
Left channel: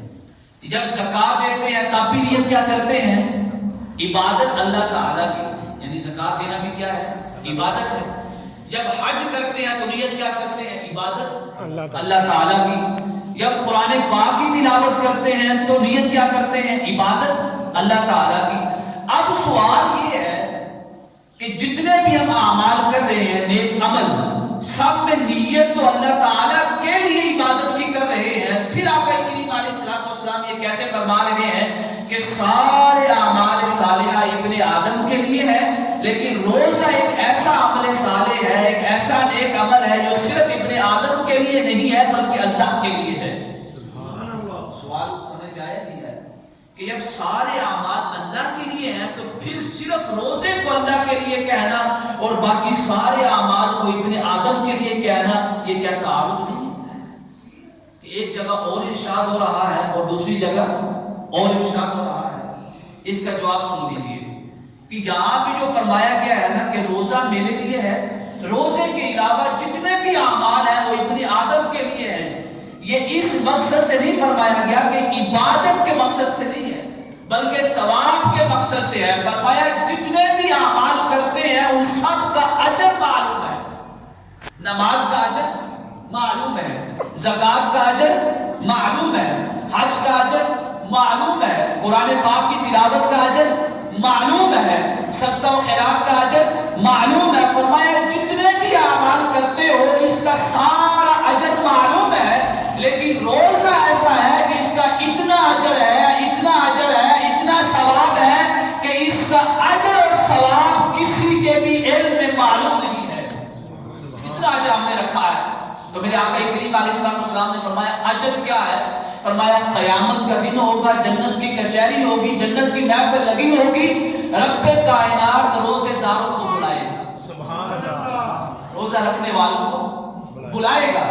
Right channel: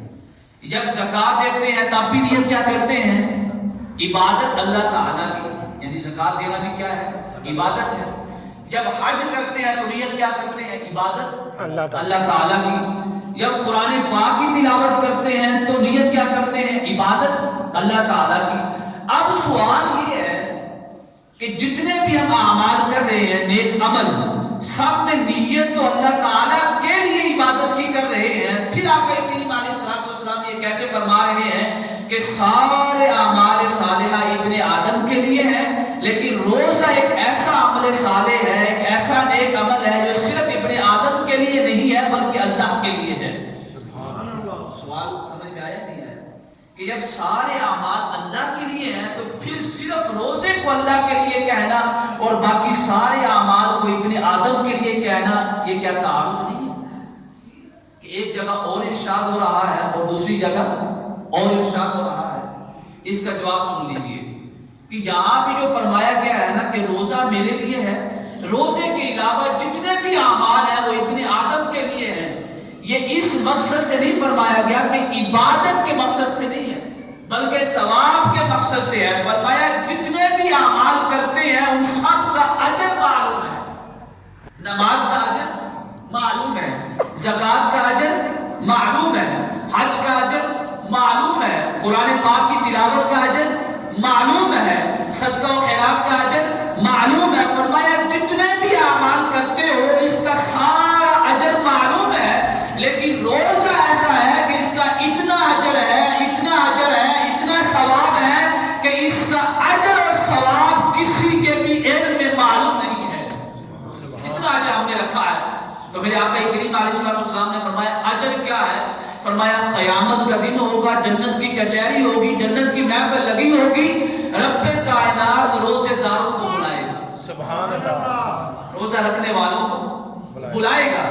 جب زکوٰۃ دیتے ہیں تب بھی نیت کیا کرتے ہیں؟ عبادت اللہ تعالیٰ کی، یعنی زکوٰۃ دینا بھی کیا ہے؟ عبادت ہے. جب حج کرتے ہیں تو نیت کیا کرتے ہیں؟ عبادت اللہ تعالیٰ کی. جب قرآن پاک کی تلاوت کرتے ہیں تو نیت کیا کرتے ہیں؟ عبادت اللہ تعالیٰ کی. اب سوال یہ ہے کہ جتنے بھی ہم اعمال کر رہے ہیں نیک عمل، سب میں نیت تو اللہ تعالیٰ کے لیے عبادت کی کر رہے ہیں. پھر آقا کریم علیہ الصلوۃ والسلام یہ کیسے فرما رہے ہیں کہ سارے اعمال صالحہ ابن آدم کے لیے ہیں، لیکن روزہ ایک ایسا عمل صالح ہے، ایک ایسا نیک عمل ہے جو صرف ابن آدم کے لیے نہیں ہے بلکہ اللہ کے لیے ہے. سوال سمجھ میں آیا نہیں ہے کہ جب سارے اعمال اللہ کے لیے ہیں تو پھر صرف روزے کو اللہ کے لیے کہنا اور باقی سارے اعمال کو ابن آدم کے لیے کہنا، یہ کیا تعارض نہیں ہے کہ ایک جگہ اور ارشاد ہو رہا ہے اور دوسری جگہ اور ارشاد ہو رہا ہے؟ اس کا جواب سن لیجیے کہ یہاں پہ جو فرمایا گیا ہے نا کہ روزہ میرے لیے ہے، روزے کے علاوہ جتنے بھی اعمال ہیں وہ ابن آدم کے لیے ہیں. یہ اس مقصد سے نہیں فرمایا گیا کہ عبادت کے مقصد سے نہیں ہے بلکہ ثواب کے مقصد سے ہے. فرمایا جتنے بھی اعمال کرتے ہیں ان سب کا اجر معلوم ہے. نماز کا اجر معلوم ہے، زکوٰۃ کا اجر معلوم ہے، حج کا اجر معلوم ہے، قرآن پاک کی تلاوت کا اجر معلوم ہے، صدقہ و خیرات کا اجر معلوم ہے. فرمایا جتنے بھی اعمال کرتے ہو اس کا سارا اجر معلوم ہے، لیکن روزہ ایسا ہے کہ اس کا اتنا اجر ہے، اتنا اجر ہے، اتنا ثواب ہے کہ اس کا اجر اور ثواب کسی کے بھی علم میں معلوم نہیں ہے. اتنا اجر ہم نے رکھا ہے. تو میرے آقا کریم علیہ الصلوۃ والسلام نے فرمایا اجر کیا ہے؟ فرمایا قیامت کا دن ہوگا، جنت کی کچہری ہوگی، جنت کی محفل لگی ہوگی، رب کائنات روزے داروں کو بلائے گا. سبحان اللہ. روزہ رکھنے والوں کو بلائے گا،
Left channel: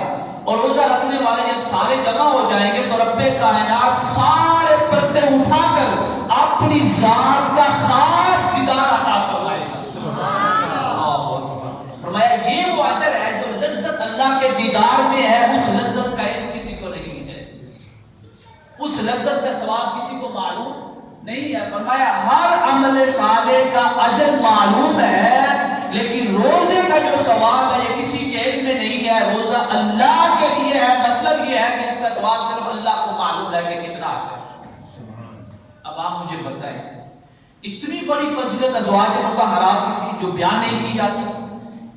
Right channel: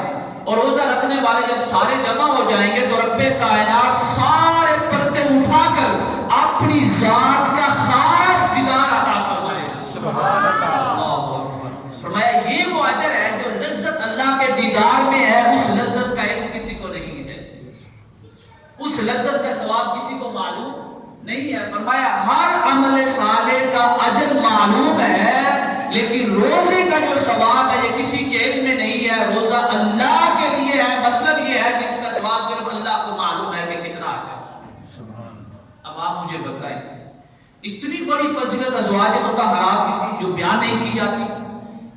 اور روزہ رکھنے والے جب سارے جمع ہو جائیں گے تو رب کائنات سارے پردے اٹھا کر اپنی ذات کا خاص دیدار عطا فرمائے گا. سبحان اللہ. فرمایا یہ وہ اجر ہے جو لذت اللہ کے دیدار میں ہے، اس لذت کا علم کسی کو نہیں ہے، اس لذت کا ثواب کسی کو معلوم نہیں ہے. فرمایا ہر عمل صالح کا اجر معلوم ہے، لیکن روزے کا جو ثواب ہے یہ کسی کے علم میں نہیں ہے. روزہ اللہ کے لیے ہے، مطلب یہ ہے کہ اس کا ثواب صرف اللہ کو معلوم ہے کہ کتنا ہے. اب آپ مجھے بتائیں اتنی بڑی فضیلت ازواج مطہرات کی جو بیان نہیں کی جاتی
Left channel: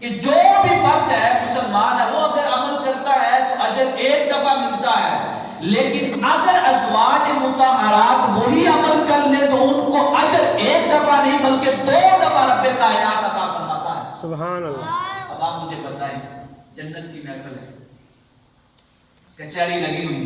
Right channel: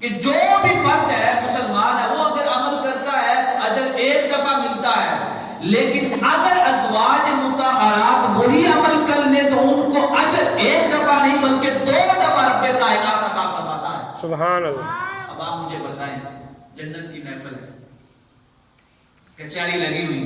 کہ جو بھی فرد ہے مسلمان ہے وہ اگر عمل کرتا ہے تو اجر ایک دفعہ ملتا ہے، لیکن اگر ازواج مطہرات وہی عمل کر لیں تو ان کو اجر ایک دفعہ نہیں بلکہ 2 دفعہ رب کائنات عطا فرماتا ہے. سبحان اللہ. اب آپ مجھے بتائیں جنت کی محفل ہے، کچہری لگی ہوئی،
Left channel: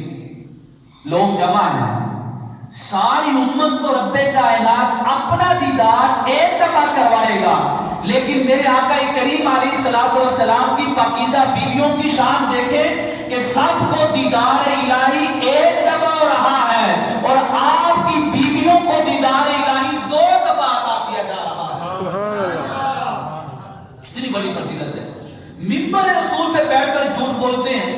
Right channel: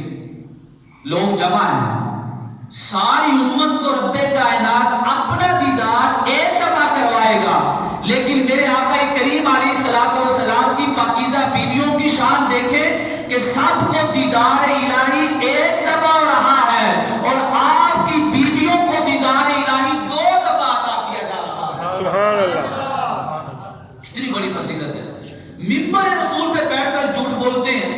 لوگ جمع ہیں، ساری امت کو رب کائنات اپنا دیدار ایک دفعہ کروائے گا، لیکن میرے آقا کریم علیہ الصلوۃ والسلام کی پاکیزہ بیویوں کی شان دیکھیں کہ سب کو دیدار الہی ایک دفعہ ہو رہا ہے، اور آپ کی بیویوں کو دیدار الہی 2 دفعہ عطا کیا جا رہا ہے۔ سبحان اللہ، کتنی بڑی فضیلت ہے۔ منبر رسول پہ بیٹھ کر جھوٹ بولتے ہیں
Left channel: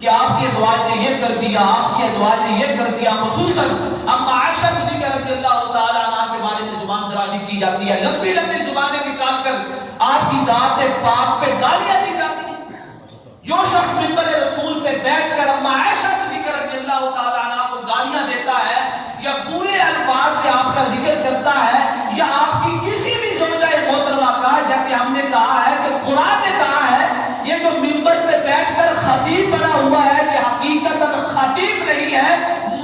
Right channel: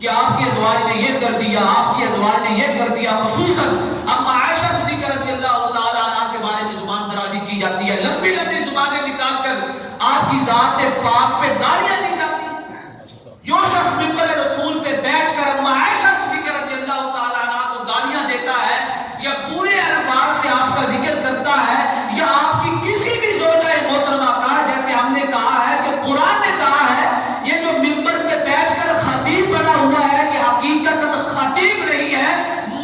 کہ آپ کے ازواج نے یہ کر دیا، آپ کی ازواج نے یہ کر دیا، خصوصاً اما عائشہ صدیقہ رضی اللہ تعالی عنہ کے بارے میں زبان درازی کی جاتی ہے، لمبی لمبی زبانیں نکال کر آپ کی ذات پاک پہ گالیاں دی جاتی ہیں۔ جو شخص منبر رسول پہ بیٹھ کر اما عائشہ صدیقہ رضی اللہ تعالی عنہ کو گالیاں دیتا ہے، یا برے الفاظ سے آپ کا ذکر کرتا ہے، یا آپ کی کسی بھی زوجہ محترمہ کا، جیسے ہم نے کہا ہے کہ قرآن نے کہا ہے، یہ جو منبر پہ بیٹھ کر خطیب بنا ہوا ہے کہ حقیقتاً خطیب نہیں ہے،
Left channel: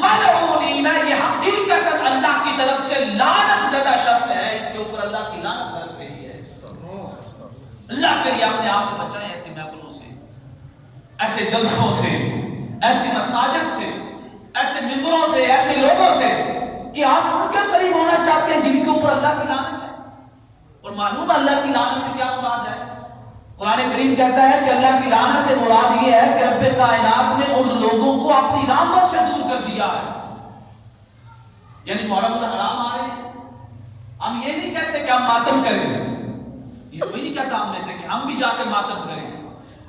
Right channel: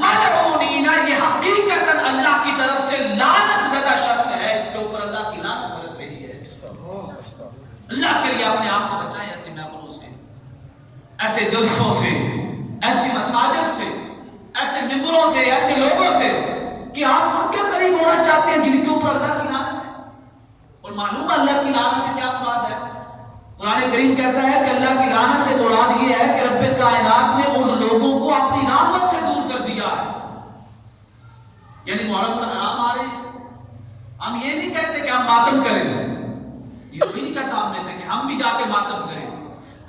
ملعونین، یہ حقیقتاً اللہ کی طرف سے لعنت زدہ شخص ہے، اس کے اوپر اللہ کی لعنت برس رہی ہے۔ اللہ کے لیے اپنے آپ کو بچائیں ایسی محفلوں سے، ایسے جلسوں سے، ایسی مساجد سے، ایسے ممبروں سے، ایسے لوگوں سے کہ آپ ان کے قریب ہونا چاہتے ہیں جن کے اوپر اللہ کی لعنت ہے، اور معلوم اللہ کی لعنت سے کیا مراد ہے۔ قرآن کریم کہتا ہے کہ اللہ کی لعنت سے مراد یہ ہے کہ رب کائنات نے ان لوگوں کو اپنی رحمت سے دور کر دیا ہے۔ یعنی محرم الحرام آ رہے ہیں، ہم یہ نہیں کہتے کہ ہم ماتم کریں، یہ کوئی نہیں کہتا ہم میں سے کہ ہم بھی جا کے ماتم کریں،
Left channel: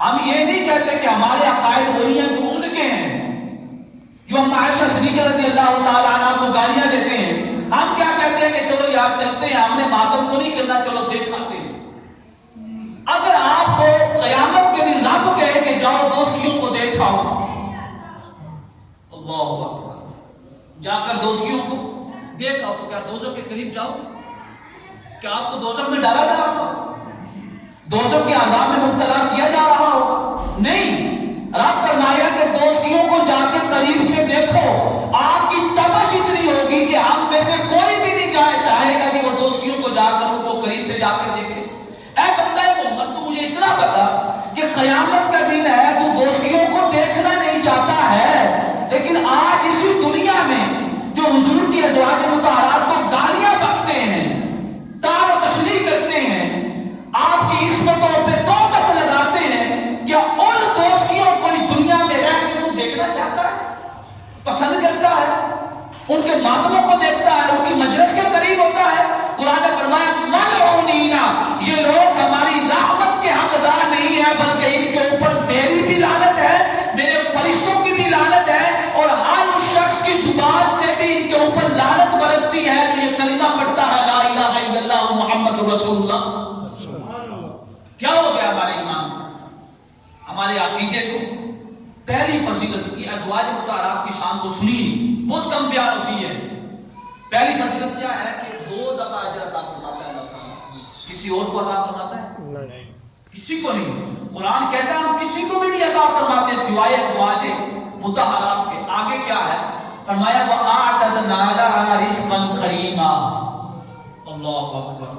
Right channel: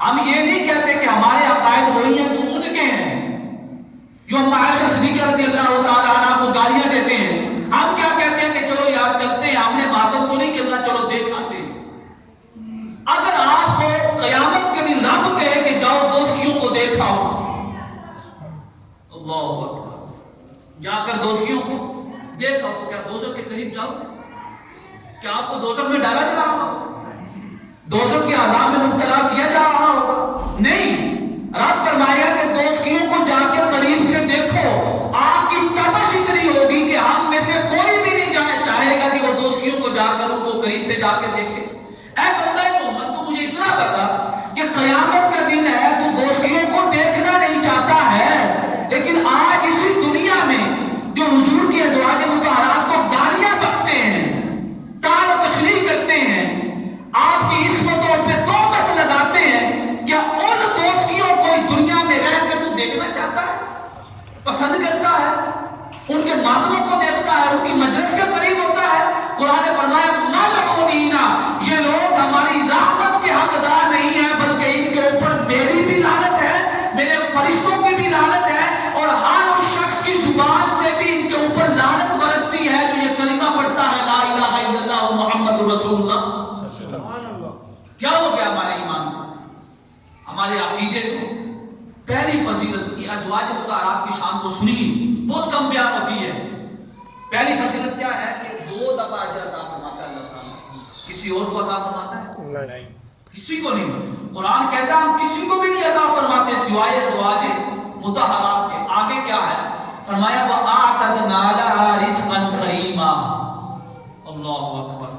ہم یہ نہیں کہتے کہ ہمارے عقائد وہی ہیں جو ان کے ہیں، جو ہم عائشہ صدیقہ رضی اللہ تعالی عنہ کو گالیاں دیتے ہیں، ہم کیا کہتے ہیں کہ چلو یار چلتے ہیں، ہم نے ماتم تو نہیں کرنا، چلو دیکھ آتے ہیں۔ اگر آپ کو قیامت کے دن رب کہے کہ جاؤ دوستیوں کو دیکھاؤ، اللہ اکبر، جا کر دوستیوں کو دیکھاؤ، تو کیا دوزخ کے قریب جاؤ گے؟ کیا آپ کو دوزخ میں ڈالا جا رہا ہوگا؟ دوزخ کے عذاب میں مبتلا کیا جا رہا ہوگا؟ نہیں، رب فرمائے گا کہ دوستیوں کو جا کے قریب سے دیکھو، آپ کی تمش اتنی ہوگی کہ ہم میں سے کوئی بھی نہیں چاہے گا کہ وہ دوستیوں کو جا کر ان کو قریب سے جا کے دیکھے۔ اے بندہ محمد، تو مجھے اتنا بتا کہ قیامت کا دن ہے، تو دوستیوں کو دیکھنا نہیں چاہتا ہے، لیکن آج اسی دنیا میں جو حضور کی ازواج مطہرات کو گالیاں بکتے ہیں، طعن و تشریح کرتے ہیں، آپ کی عصمتوں پہ تہمت لگاتے ہیں، کیا ان دوستیوں کو اس دنیا میں رہ کے تو دیکھنا چاہتا ہے، پسند کرتا ہے، ان کے ماتموں کو دیکھتا ہے، ان کی مجلس کے قریب ہوتا ہے؟ قرآن نے فرمایا ملعونین، یہ لوگ ہماری رحمت کے حقدار نہیں ہیں، بلکہ ان کے اوپر میری بھی لعنت ہے، میرے فرشتوں کی بھی لعنت ہے، اور ہر اس شخص کی زبان سے بھی ان کے اوپر لعنت برستی ہے جو یہ کلمہ پڑھتا ہے لا الہ الا اللہ محمد رسول اللہ۔ کیا ہو گیا ہمارے ایمان کو، ہمارے عقیدے کو؟ پہلی فضیلت یہ ازواج مطہرات کی شان کو سنیے، بہت کم بیان ہوتی ہے۔ پہلی فضیلت کیا ہے کہ 2 دفعہ اجر عطا فرماتا ہے اللہ تعالیٰ، کسی اور کو عطا فرماتا ہے؟ نہیں، کسی کو نہیں۔ قرآن کہتا ہے ہم کسی کو بھی نہیں عطا فرماتے سوائے ازواج مطہرات کے۔ آگے کیا ہے؟ فرمایا وَأَعْتَدْنَا لَهَا رِزْقًا قَرِيمًا، اللہ اکبر۔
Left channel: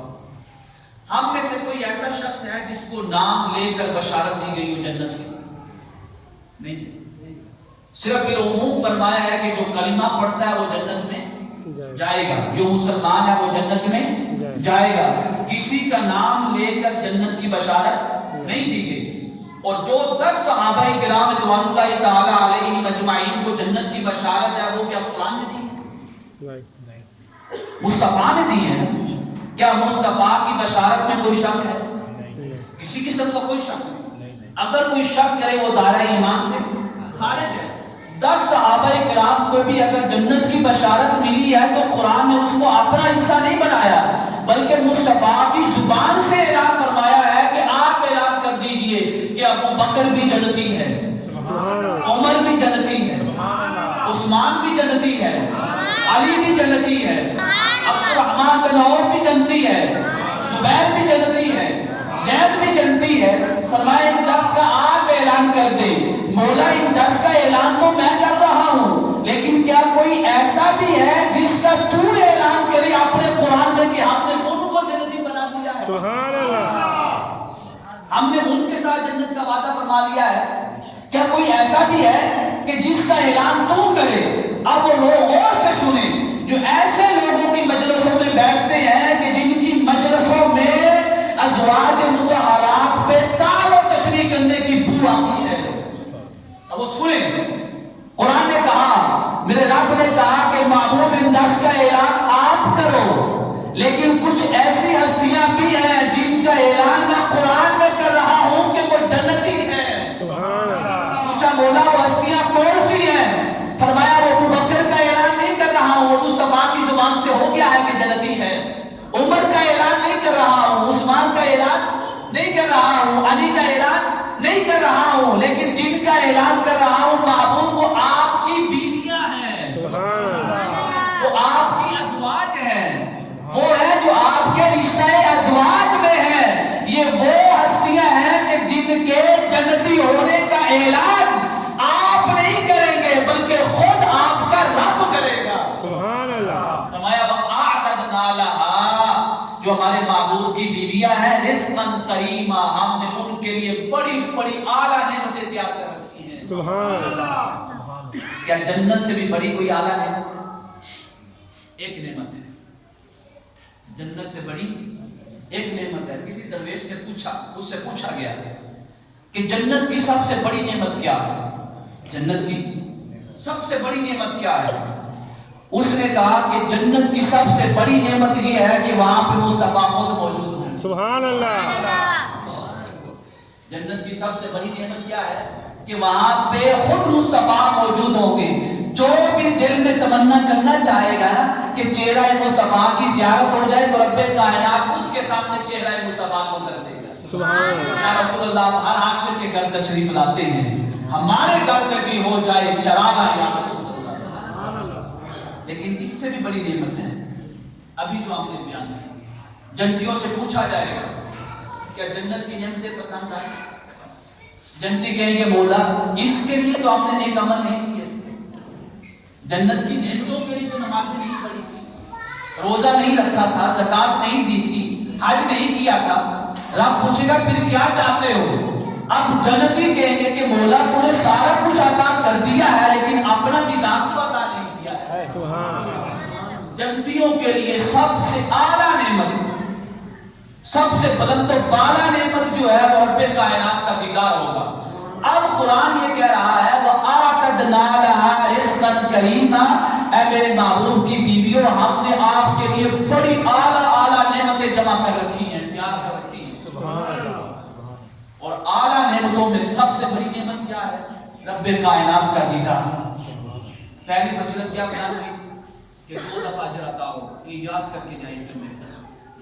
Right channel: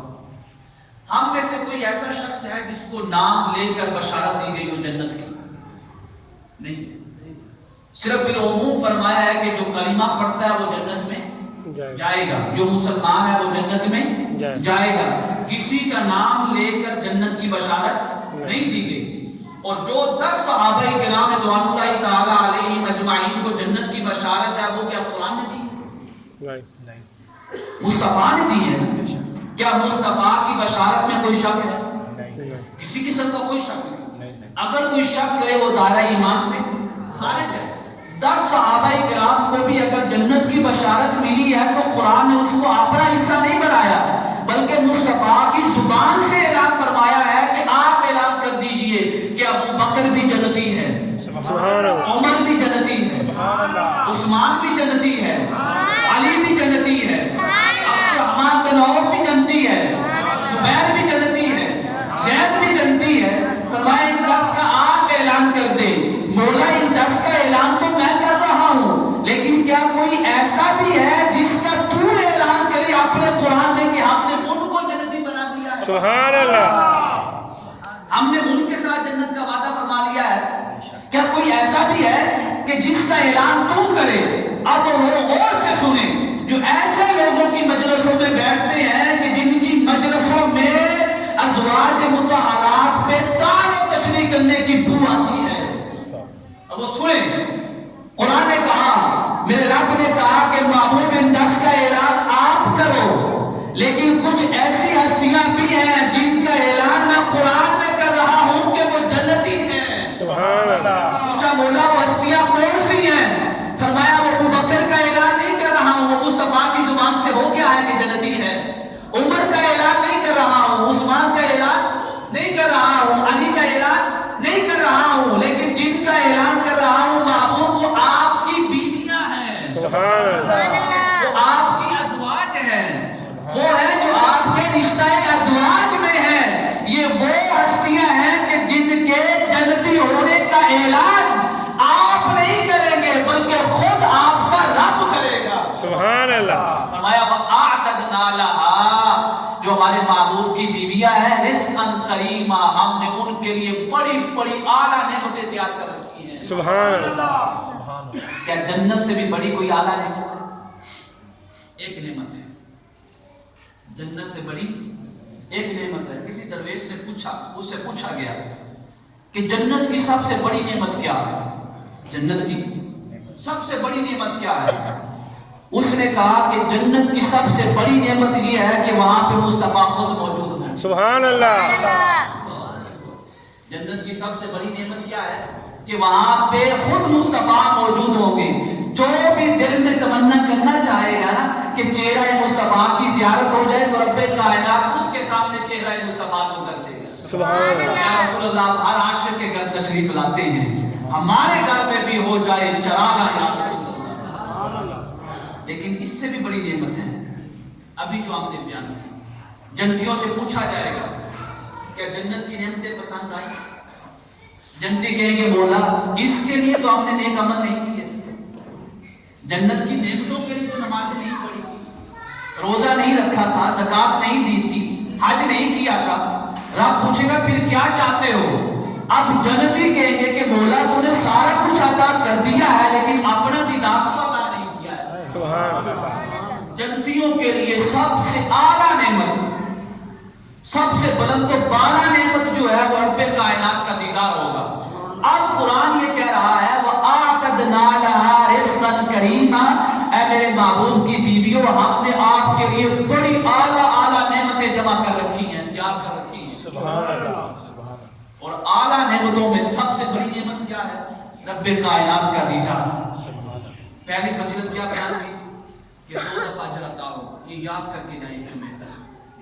ہم میں سے کوئی ایسا شخص ہے جس کو نام لے کر بشارت دی گئی ہو جنت کی؟ نہیں، صرف بالعموم فرمایا ہے کہ جو کلمہ پڑھتا ہے وہ جنت میں جائے گا، جو مسلمان ہے وہ جنت میں جائے گا، کسی کا نام لے کر جنت کی بشارت نہیں دی گئی۔ اور جو 10 صحابہ کرام رضوان اللہ تعالی علیہم اجمعین کو جنت کی بشارت ہے، وہ کیا قرآن نے دی ہے؟ مصطفیٰ نے دی ہے۔ کیا مصطفیٰ کی بشارت میں کوئی شک ہے؟ کسی قسم کا کوئی شک نہیں۔ اگر کوئی شک کرے وہ دائرہ ایمان سے خارج ہے۔ 10 صحابہ کرام کو بھی اگر جنت کی بشارت ملی ہے تو قرآن نے اس کو اپنا حصہ نہیں بنایا، بلکہ مصطفیٰ کی زبان سے اعلان فرمایا ہے کہ آپ اعلان کر دیجئے کہ ابو بکر بھی جنتی ہے، عمر بھی جنتی ہے، عثمان بھی جنتی ہے، علی بھی جنتی ہے، عبد الرحمن بن عوف بھی جنتی ہے، زبیر بھی جنتی ہے، زید بھی جنتی ہے۔ فرمایا ان 10 کا آپ اعلان کر دیں۔ مولا ان 10 کا اعلان تو میں کر رہا ہوں، لیکن کیا کوئی ایسا بھی ہے جس کا تو اعلان کرے اپنے قرآن میں کہ ہم نے ان کو جنتی بنا دیا ہے؟ سبحان اللہ، ہم نے ان کے ساتھ جنت کا وعدہ فرمایا اعلان تو کرے. اب وہ لوگ غور سے سنیں جو ایسے لوگوں کی مجلسوں میں بیٹھتے ہیں کہ جن کی مجلسوں میں ازواج مطہرات پہ تال و تشریح کرنے کی بو آتی ہے. اب وہ سنیں. قرآن نے کہا, میرے رب نے کہا کہ معمول انداز کا اعلان آپ کرو, لیکن کچھ ایسی ہستیاں بھی ہیں جن کا اعلان میں قرآن میں کر رہا ہوں کہ وہ جنتی ہیں. سبحان اللہ. پوچھا مولا وہ ہستیاں کون سی ہیں؟ فرمایا وہ ابو بکر کا اعلان نہیں کر رہا ہوں, وہ مصطفیٰ کی زبان سے ہو گیا ہے کہ جنتی ہے. عمر کا اعلان نہیں کر رہا ہوں, عثمان کا اعلان نہیں کر رہا ہوں, علی کا اعلان نہیں کر رہا ہوں, لیکن جن کا اعلان کر رہا ہوں محبوب وہ آپ کی بیویاں ہیں. وہ آپ کی ازواج ہیں, وہ ہے جو آپ کے رشتہ ازواج میں ہے. یہ وہ ہستیاں ہیں کہ جن کے جنتی ہونے کا اعلان آپ نہیں کریں گے بلکہ خود آپ کا رب کرے گا. سبحان اللہ. فرمایا وَأَعْتَدْنَا لَهَا, جو ہمارے محبوب کی بیویاں ہیں, رزقاً کریما, ہم نے ان کے لیے بڑی بڑی اعلیٰ نعمتیں تیار کر رکھی ہیں. سبحان اللہ. کیا جنت سے بھی بڑی کوئی اعلیٰ نعمت ہے؟ ایک نعمت ہے جنت سے بڑی, ایک نعمت ہے. کسی درویش نے پوچھا, اس سے پوچھا گیا کہ جنت کی سب سے بڑی نعمت کیا ہے؟ جنت کی سب سے بڑی نعمت کیا ہے؟ اس نے کہا کہ جنت کی سب سے بڑی نعمت یہ ہے کہ وہاں پہ مصطفیٰ خود موجود ہوں. سبحان اللہ. جنت کی سب سے بڑی نعمت کیا ہے کہ وہاں پہ خود مصطفیٰ موجود ہوں گے. جو بھی دل میں تمنا کرنا چاہے گا کہ چہرہ مصطفیٰ کی زیارت ہو جائے تو رب کائنات اس کے سامنے چہرہ مصطفیٰ کو کر دے گا. سبحان اللہ. یا رسول اللہ, ہر عاشق کے گھر تشریف لاتے ہیں, ہمارے گھر میں بھی ہو جائے چراغا یا رسول اللہ. لیکن اس سے بھی بڑی نعمت ہے ابھی جو آپ نے بیان کی. جنتیوں سے پوچھا جائے گا کیا جنت کی نعمتیں پسند آئی؟ جنتی کہیں گے مولا اس کے لیے تو ہم نے نیک عمل نہیں کیے تھے, جنت کی نعمتوں کے لیے تو نمازیں نہیں پڑھی تھی, روزہ نہیں رکھا تھا, زکات نہیں دی تھی, حج نہیں کیا تھا. رب پوچھے گا پھر کیا چاہتے ہو؟ اب جنتی کہیں گے کہ مولا تو نے سارا کچھ عطا کر دیا ہے لیکن اپنا دیدار تو عطا نہیں کیا ہے. جنتیوں کے لیے سب سے اعلیٰ نعمت, سب سے بلند و بالا نعمت جو ہے وہ رب کائنات کا دیدار ہوگا. اب قرآن یہ کہہ رہا ہے وَآتَدْنَا لَهَا رِزْقًا كَرِيمًا, اے میرے محبوب کی بیویوں ہم نے آپ کے لیے بڑی اعلیٰ اعلیٰ نعمتیں جمع کر رکھی ہیں, تیار کر رکھی ہیں. سبحان اللہ. اور اعلیٰ نعمتوں میں سب سے بڑی نعمت کیا ہے؟ رب کائنات کا دیدار. پہلی فضیلت کیا بیان کی کہ 2 دفعہ اجر عطا ہو. یہ یاد کر کے جائیں جمعے پر.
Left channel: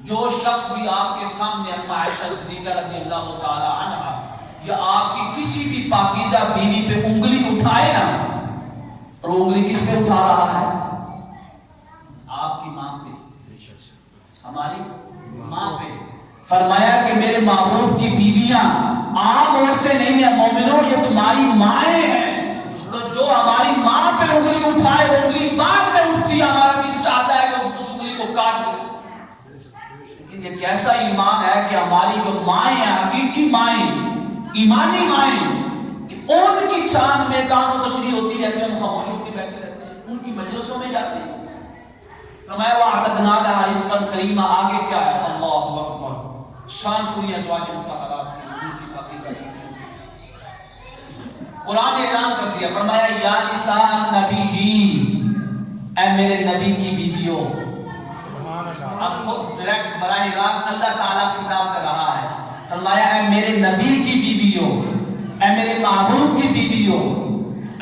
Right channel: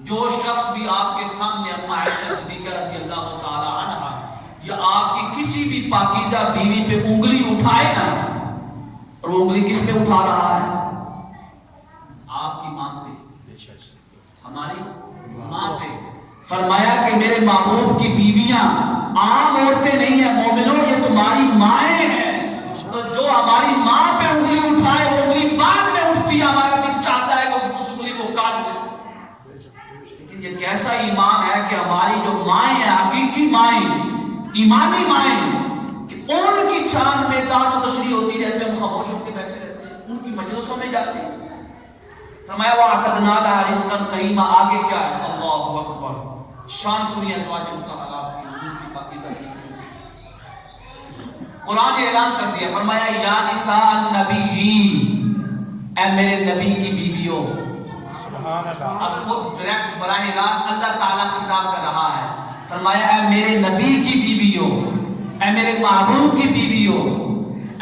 جو شخص بھی آپ کے سامنے اما عائشہ صدیقہ رضی اللہ تعالی عنہا یا آپ کی کسی بھی پاکیزہ بیوی پہ انگلی اٹھائے نا, اور وہ انگلی کس پہ اٹھا رہا ہے؟ آپ کی ماں پہ, ہماری ماں پہ. فرمایا کہ میرے محبوب کی بیویاں عام عورتیں نہیں ہیں, مومنوں یہ تمہاری مائیں ہیں. تو جو ہماری ماں پہ انگلی اٹھائے وہ انگلی بعد میں اٹھتی ہے, ہمارا دل چاہتا ہے کہ اس انگلی کو کاٹ دے. لیکن یہ کیسا ایمان ہے کہ ہماری جو مائیں ہیں, حقیقی مائیں, ایمانی مائیں, کہ ان کی شان میں تان و تشریح ہوتی رہتی ہے, ہم خاموش ہو کے بیٹھے رہتے ہیں, ان کی مجلسوں میں جاتے ہیں. فرمایا وَأَعْتَدْنَا لَهَا رِزْقًا كَرِيمًا. آگے کیا ہے؟ اللہ اکبر. شان سوری ازواج مطہرات کی حضور کی پاکیزہ کی. قرآن نے اعلان کر دیا, فرمایا یا نساء النبی, اے میرے نبی کی بیویوں. اب خود ڈائریکٹ براہ راست اللہ تعالیٰ خطاب کر رہا ہے. فرمایا اے میرے نبی کی بیویوں, اے میرے محبوب کی بیویوں,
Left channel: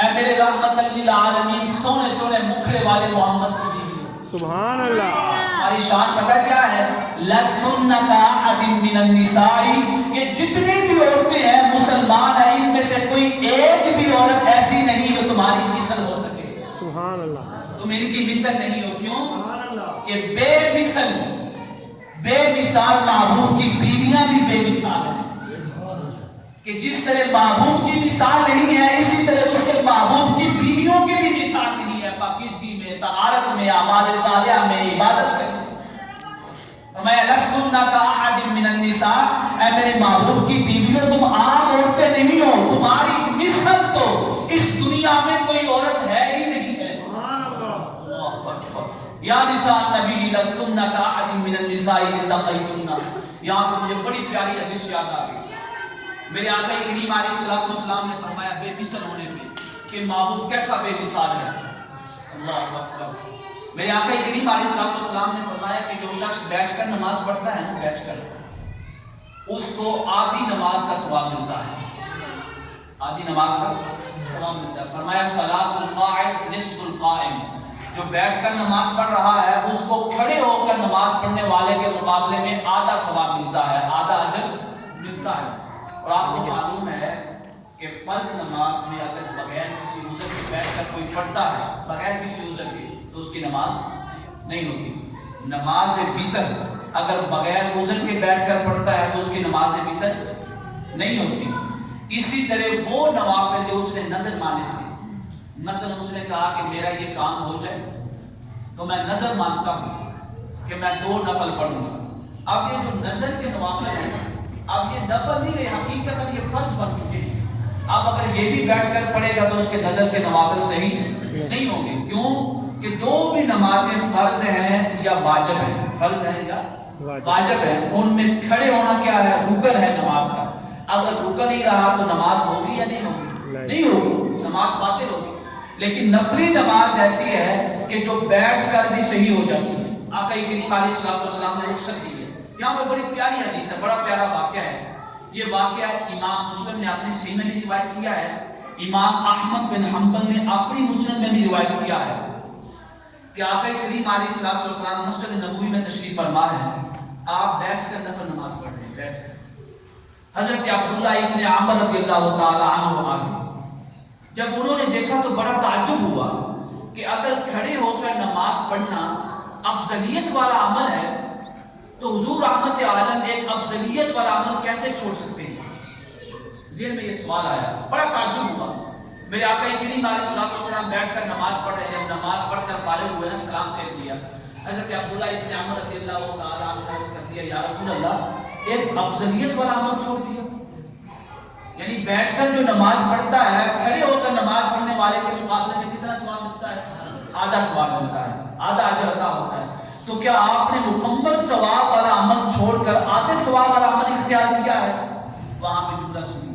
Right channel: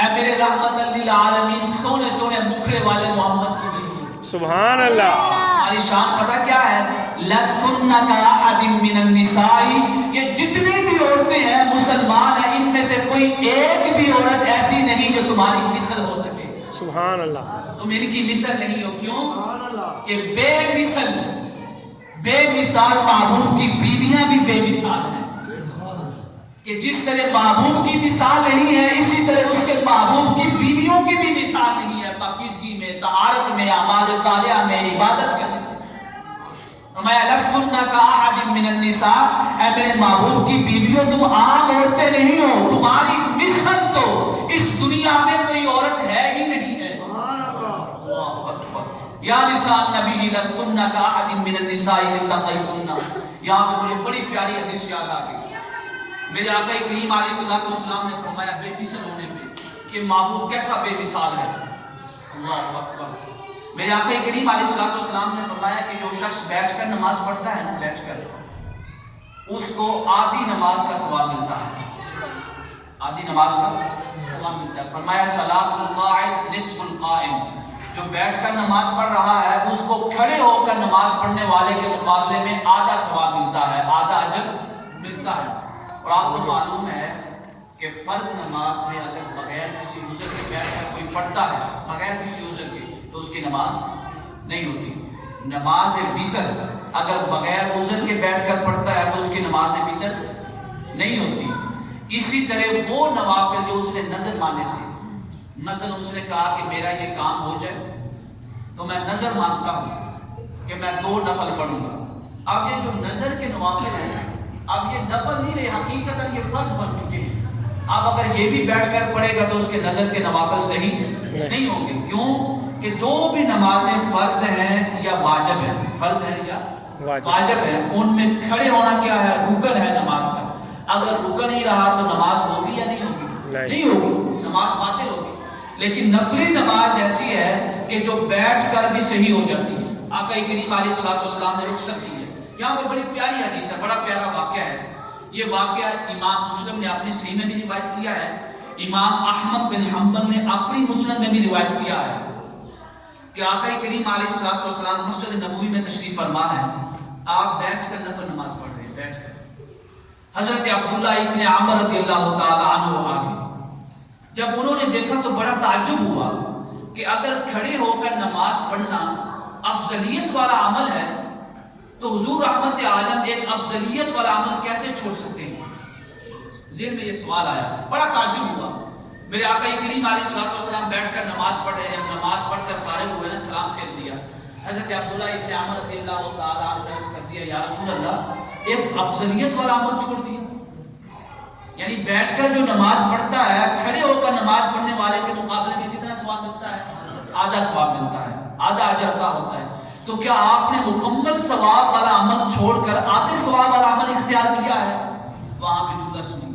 اے میرے رحمت للعالمین سونے سونے مکھڑے والے محمد کی بیویوں. سبحان اللہ. ہماری شان پتہ کیا ہے؟ لَسْتُنَّ كَأَحَدٍ مِّنَ النِّسَاءِ, یہ جتنی بھی عورتیں ہیں مسلمان ہیں, ان میں سے کوئی ایک بھی عورت ایسی نہیں جو تمہاری مثل ہو سکے. سبحان اللہ. تم ان کی مثل نہیں ہو. کیوں؟ کہ بے مثال محبوب کی بیویاں بھی بے مثال ہیں. کہ جس طرح محبوب کی مثال نہیں ہے اسی طرح اس کے محبوب کی بیویوں کی بھی مثال نہیں ہے, پاکیزگی میں, طہارت میں, اعمال صالحہ میں, عبادت میں. فرمایا لَسْتُنَّ كَأَحَدٍ مِّنَ النِّسَاءِ, اے میرے محبوب کی بیویوں تم عام عورتیں نہیں ہو, تمہاری مثل تو اس دنیا میں کوئی عورت لستن كأحد من النساء التقيتن. یہاں پہ مجھے بڑی پیاری حدیث یاد آ گئی. میرے آقا کریم علیہ الصلوۃ والسلام نے فرمایا بے مثل ہونے پہ کہ معبود کیسا بے مثال ہے. اللہ اکبر. میرے آقا کریم علیہ الصلوۃ والسلام نے فرمایا کہ جو شخص بیٹھ کر نماز پڑھتا ہے نا، بیٹھ کر، اس کو آدھی نماز کا ثواب ملتا ہے. آدھی نماز کا ثواب ملتا ہے. فرمایا صلاۃ القاعد نصف القائم. جو بیٹھ کر نماز پڑھ رہا ہے اس کو کھڑے ہو کر نماز پڑھنے والے کے مقابلے میں آدھا ثواب ملتا ہے، آدھا اجر ملتا ہے. اور آپ کو معلوم ہے کہ فرض نماز میں اگر بغیر کسی عذر کے بیٹھ کر کوئی پڑھتا ہے، بغیر کسی عذر کے، تو اس کی نماز نہیں ہوتی. نماز وتر اگر بغیر عذر کے بیٹھ کر پڑھتا ہے تو اس کی نماز وتر نہیں ہوتی. اسی طرح وہ نوافل جو اس نے نظر مانے تھے، مثلا اس نے کہا کہ میرا یہ کام ہو جائے تو میں نظر مانتا ہوں کہ میں 2 نفل پڑھوں گا. اب یہ جو نظر کے نوافل ہیں اب یہ نفل نہیں رہے، حقیقتاً یہ فرض بن چکے ہیں. اب اگر یہ بھی بیٹھ کر پڑھے گا تو اس کے نظر کے نوافل صحیح نہیں ہوں گے. کیوں کہ جو بھی نمازیں فرض ہیں یا واجب ہیں، فرض ہیں یا واجب ہیں، ان میں کھڑے ہونا کیا ہے، رکن ہے نماز کا. اگر رکن نہیں رہا تو نماز ہوگی یا نہیں ہوگی؟ نہیں ہوگی، نماز باطل ہوگی. لیکن نفلی نماز ایسی ہے کہ جو بیٹھ کر بھی صحیح ہو جاتی ہے. آقا کریم علیہ الصلوۃ والسلام نے رخصت دی ہے. یہاں پہ بڑی پیاری حدیث ہے، بڑا پیارا واقعہ ہے. یہ واقعہ امام مسلم نے اپنی صحیح میں بھی روایت کیا ہے، امام احمد بن حنبل نے اپنی مسند میں بھی روایت کیا ہے کہ آقا کریم علیہ الصلوۃ والسلام مسجد نبوی میں تشریف فرما ہے. آپ بیٹھ کر نفل نماز پڑھ رہے ہیں، بیٹھ کر. حضرت عبداللہ ابن عمر رضی اللہ تعالی عنہ آگے جب انہوں نے دیکھا تو بڑا تعجب ہوا کہ اگر کھڑے ہو کر نماز پڑھنا افضلیت والا عمل ہے تو حضور رحمت عالم ایک افضلیت والا عمل کیسے چھوڑ سکتے ہیں؟ ذہن میں یہ سوال آیا، بڑا تعجب ہوا. میرے آقا کریم علیہ الصلوۃ والسلام بیٹھ کر نماز پڑھ رہے ہیں. نماز پڑھ کر فارغ ہوئے نا، سلام پھیر دیا. حضرت عبداللہ ابن عمر رضی اللہ تعالیٰ عنہ نے عرض کر دیا یا رسول اللہ، ایک افضلیت والا عمل چھوڑ دیا. یعنی بیٹھ کر جو نماز پڑھتا ہے، کھڑے ہو کر نماز پڑھنے والے کے مقابلے میں کتنا ثواب ملتا ہے؟ آدھا ثواب ملتا ہے، آدھا اجر عطا ہوتا ہے. تو کیا آپ نے مکمل ثواب والا عمل چھوڑ کر آدھے ثواب والا عمل اختیار کیا ہے؟ وہاں پہ جملہ سنیے.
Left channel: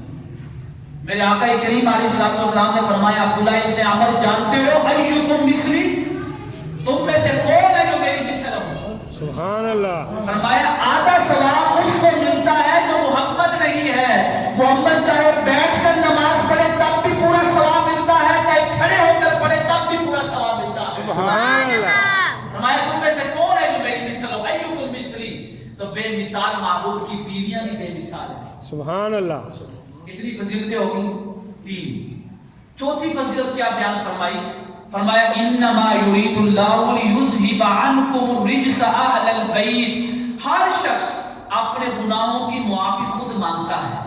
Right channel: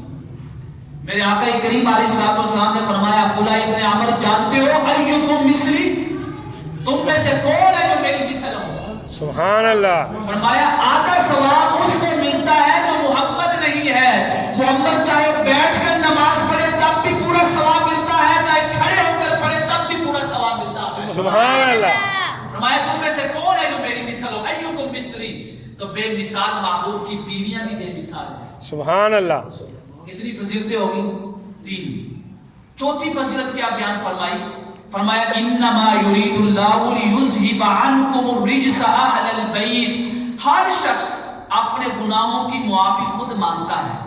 میرے آقا کریم علیہ الصلوۃ والسلام نے فرمایا عبداللہ ابن عمر جانتے ہو ایکم مثلی، تم میں سے کون ہے جو میری مثل ہو؟ سبحان اللہ. فرمایا آدھا ثواب اس کو ملتا ہے جو محمد نہیں ہے. محمد چاہے بیٹھ کر نماز پڑھے تب بھی پورا ثواب ملتا ہے، چاہے کھڑے ہو کر پڑھے تب بھی پورا ثواب ملتا ہے. سبحان اللہ. فرمایا تم میں سے کون ہے جو میری مثل ہو؟ ایکم مثلی. تو بے مثال معبود کی بیویاں بھی بے مثال ہیں. سبحان اللہ. کتنی فضیلتیں ہوگی؟ 3. چوتھی فضیلت کیا بیان فرمائی؟ فرمایا انما یرید اللہ لیذھب عنکم الرجس اہل البیت. ہر شخص اپنے گناہوں کی معافی خود مانگتا ہے.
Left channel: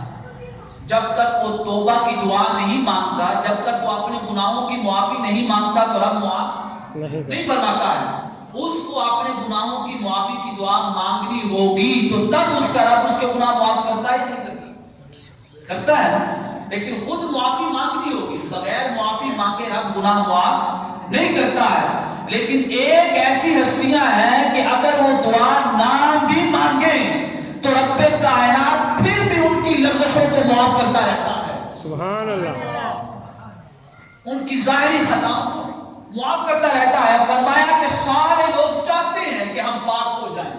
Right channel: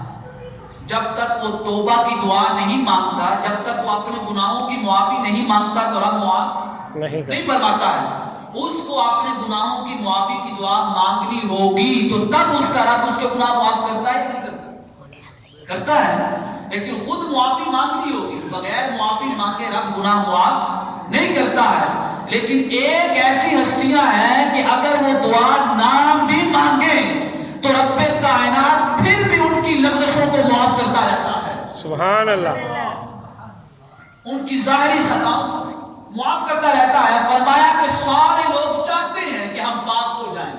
جب تک وہ توبہ کی دعا نہیں مانگتا، جب تک وہ اپنے گناہوں کی معافی نہیں مانگتا تو رب معاف نہیں فرماتا ہے. اس کو اپنے گناہوں کی معافی کی دعا مانگنی ہوگی تو تب اس کا رب اس کے گناہ معاف کرتا ہے نہیں کرتا؟ کرتا ہے. لیکن خود معافی مانگنی ہوگی، بغیر معافی مانگے رب گناہ معاف نہیں کرتا ہے. لیکن ایک ایسی ہستیاں ہیں کہ اگر وہ دعا نہ بھی مانگیں تو رب کائنات پھر بھی ان کی لغزشوں کو معاف کرتا رہتا ہے. سبحان اللہ. ان کی ظاہری خطاؤں کو معاف کرتا رہتا ہے. فرمایا کہ سارے لوگ چاہتے ہیں کہ ہم پاک ہو جائیں،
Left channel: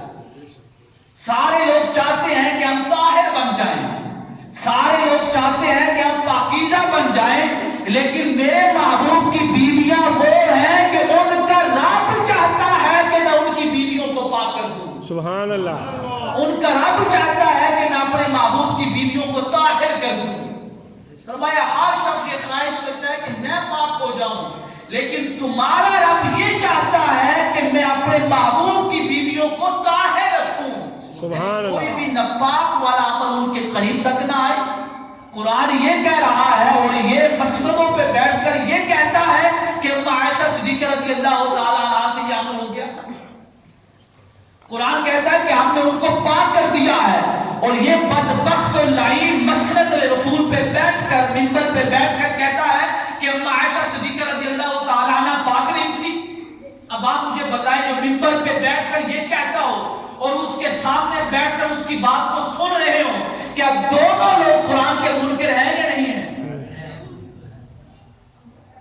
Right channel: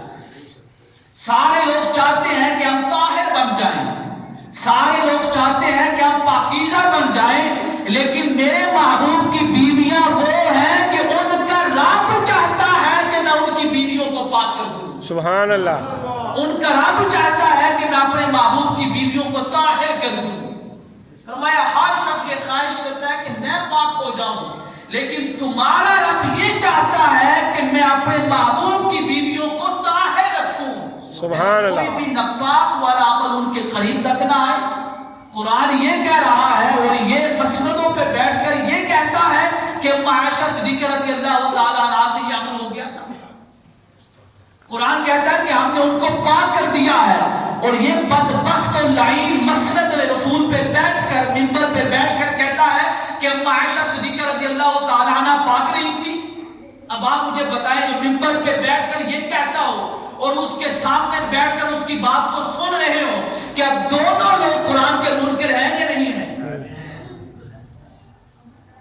سارے لوگ چاہتے ہیں کہ ہم طاہر بن جائیں، سارے لوگ چاہتے ہیں کہ ہم پاکیزہ بن جائیں، لیکن میرے محبوب کی بیویاں وہ ہیں کہ ان کا رب چاہتا ہے کہ میں ان کی بیویوں کو پاک کر دوں. سبحان اللہ. ان کا رب چاہتا ہے کہ میں اپنے محبوب کی بیویوں کو طاہر کر دوں. فرمایا ہر شخص یہ خواہش کرتا ہے کہ میں پاک ہو جاؤں، لیکن تمہارا رب یہ چاہتا ہے کہ میں اپنے محبوب کی بیویوں کو طاہر رکھوں. سبحان اللہ. کوئی بھی ناپاک والا عمل ان کے قریب تک نہ آئے. قرآن یہ کہہ رہا ہے اور یہ مسجدوں پہ بیٹھ کر یہ کہتا ہے کہ عائشہ صدیقہ رضی اللہ تعالیٰ عنہا سے یہ عمل ہو گیا تھا. قرآن کہتا ہے کہ ہم نے ان کو پاک کر دیا ہے. اور یہ بدبخت و لعین مسجد رسول پہ بیٹھ کر، منبر پہ بیٹھ کر کہتا ہے کہ عائشہ صدیقہ رضی اللہ تعالیٰ عنہ پاک نہیں تھی. اب آپ مجھے بتائیں جو منبر پہ بیٹھ کر یہ کہتا ہو اور اس کے سامنے بیٹھ کر اس کی بات کو سن رہے ہو، کیا دونوں لوگ قرآن کے منکر ہیں یا نہیں ہیں؟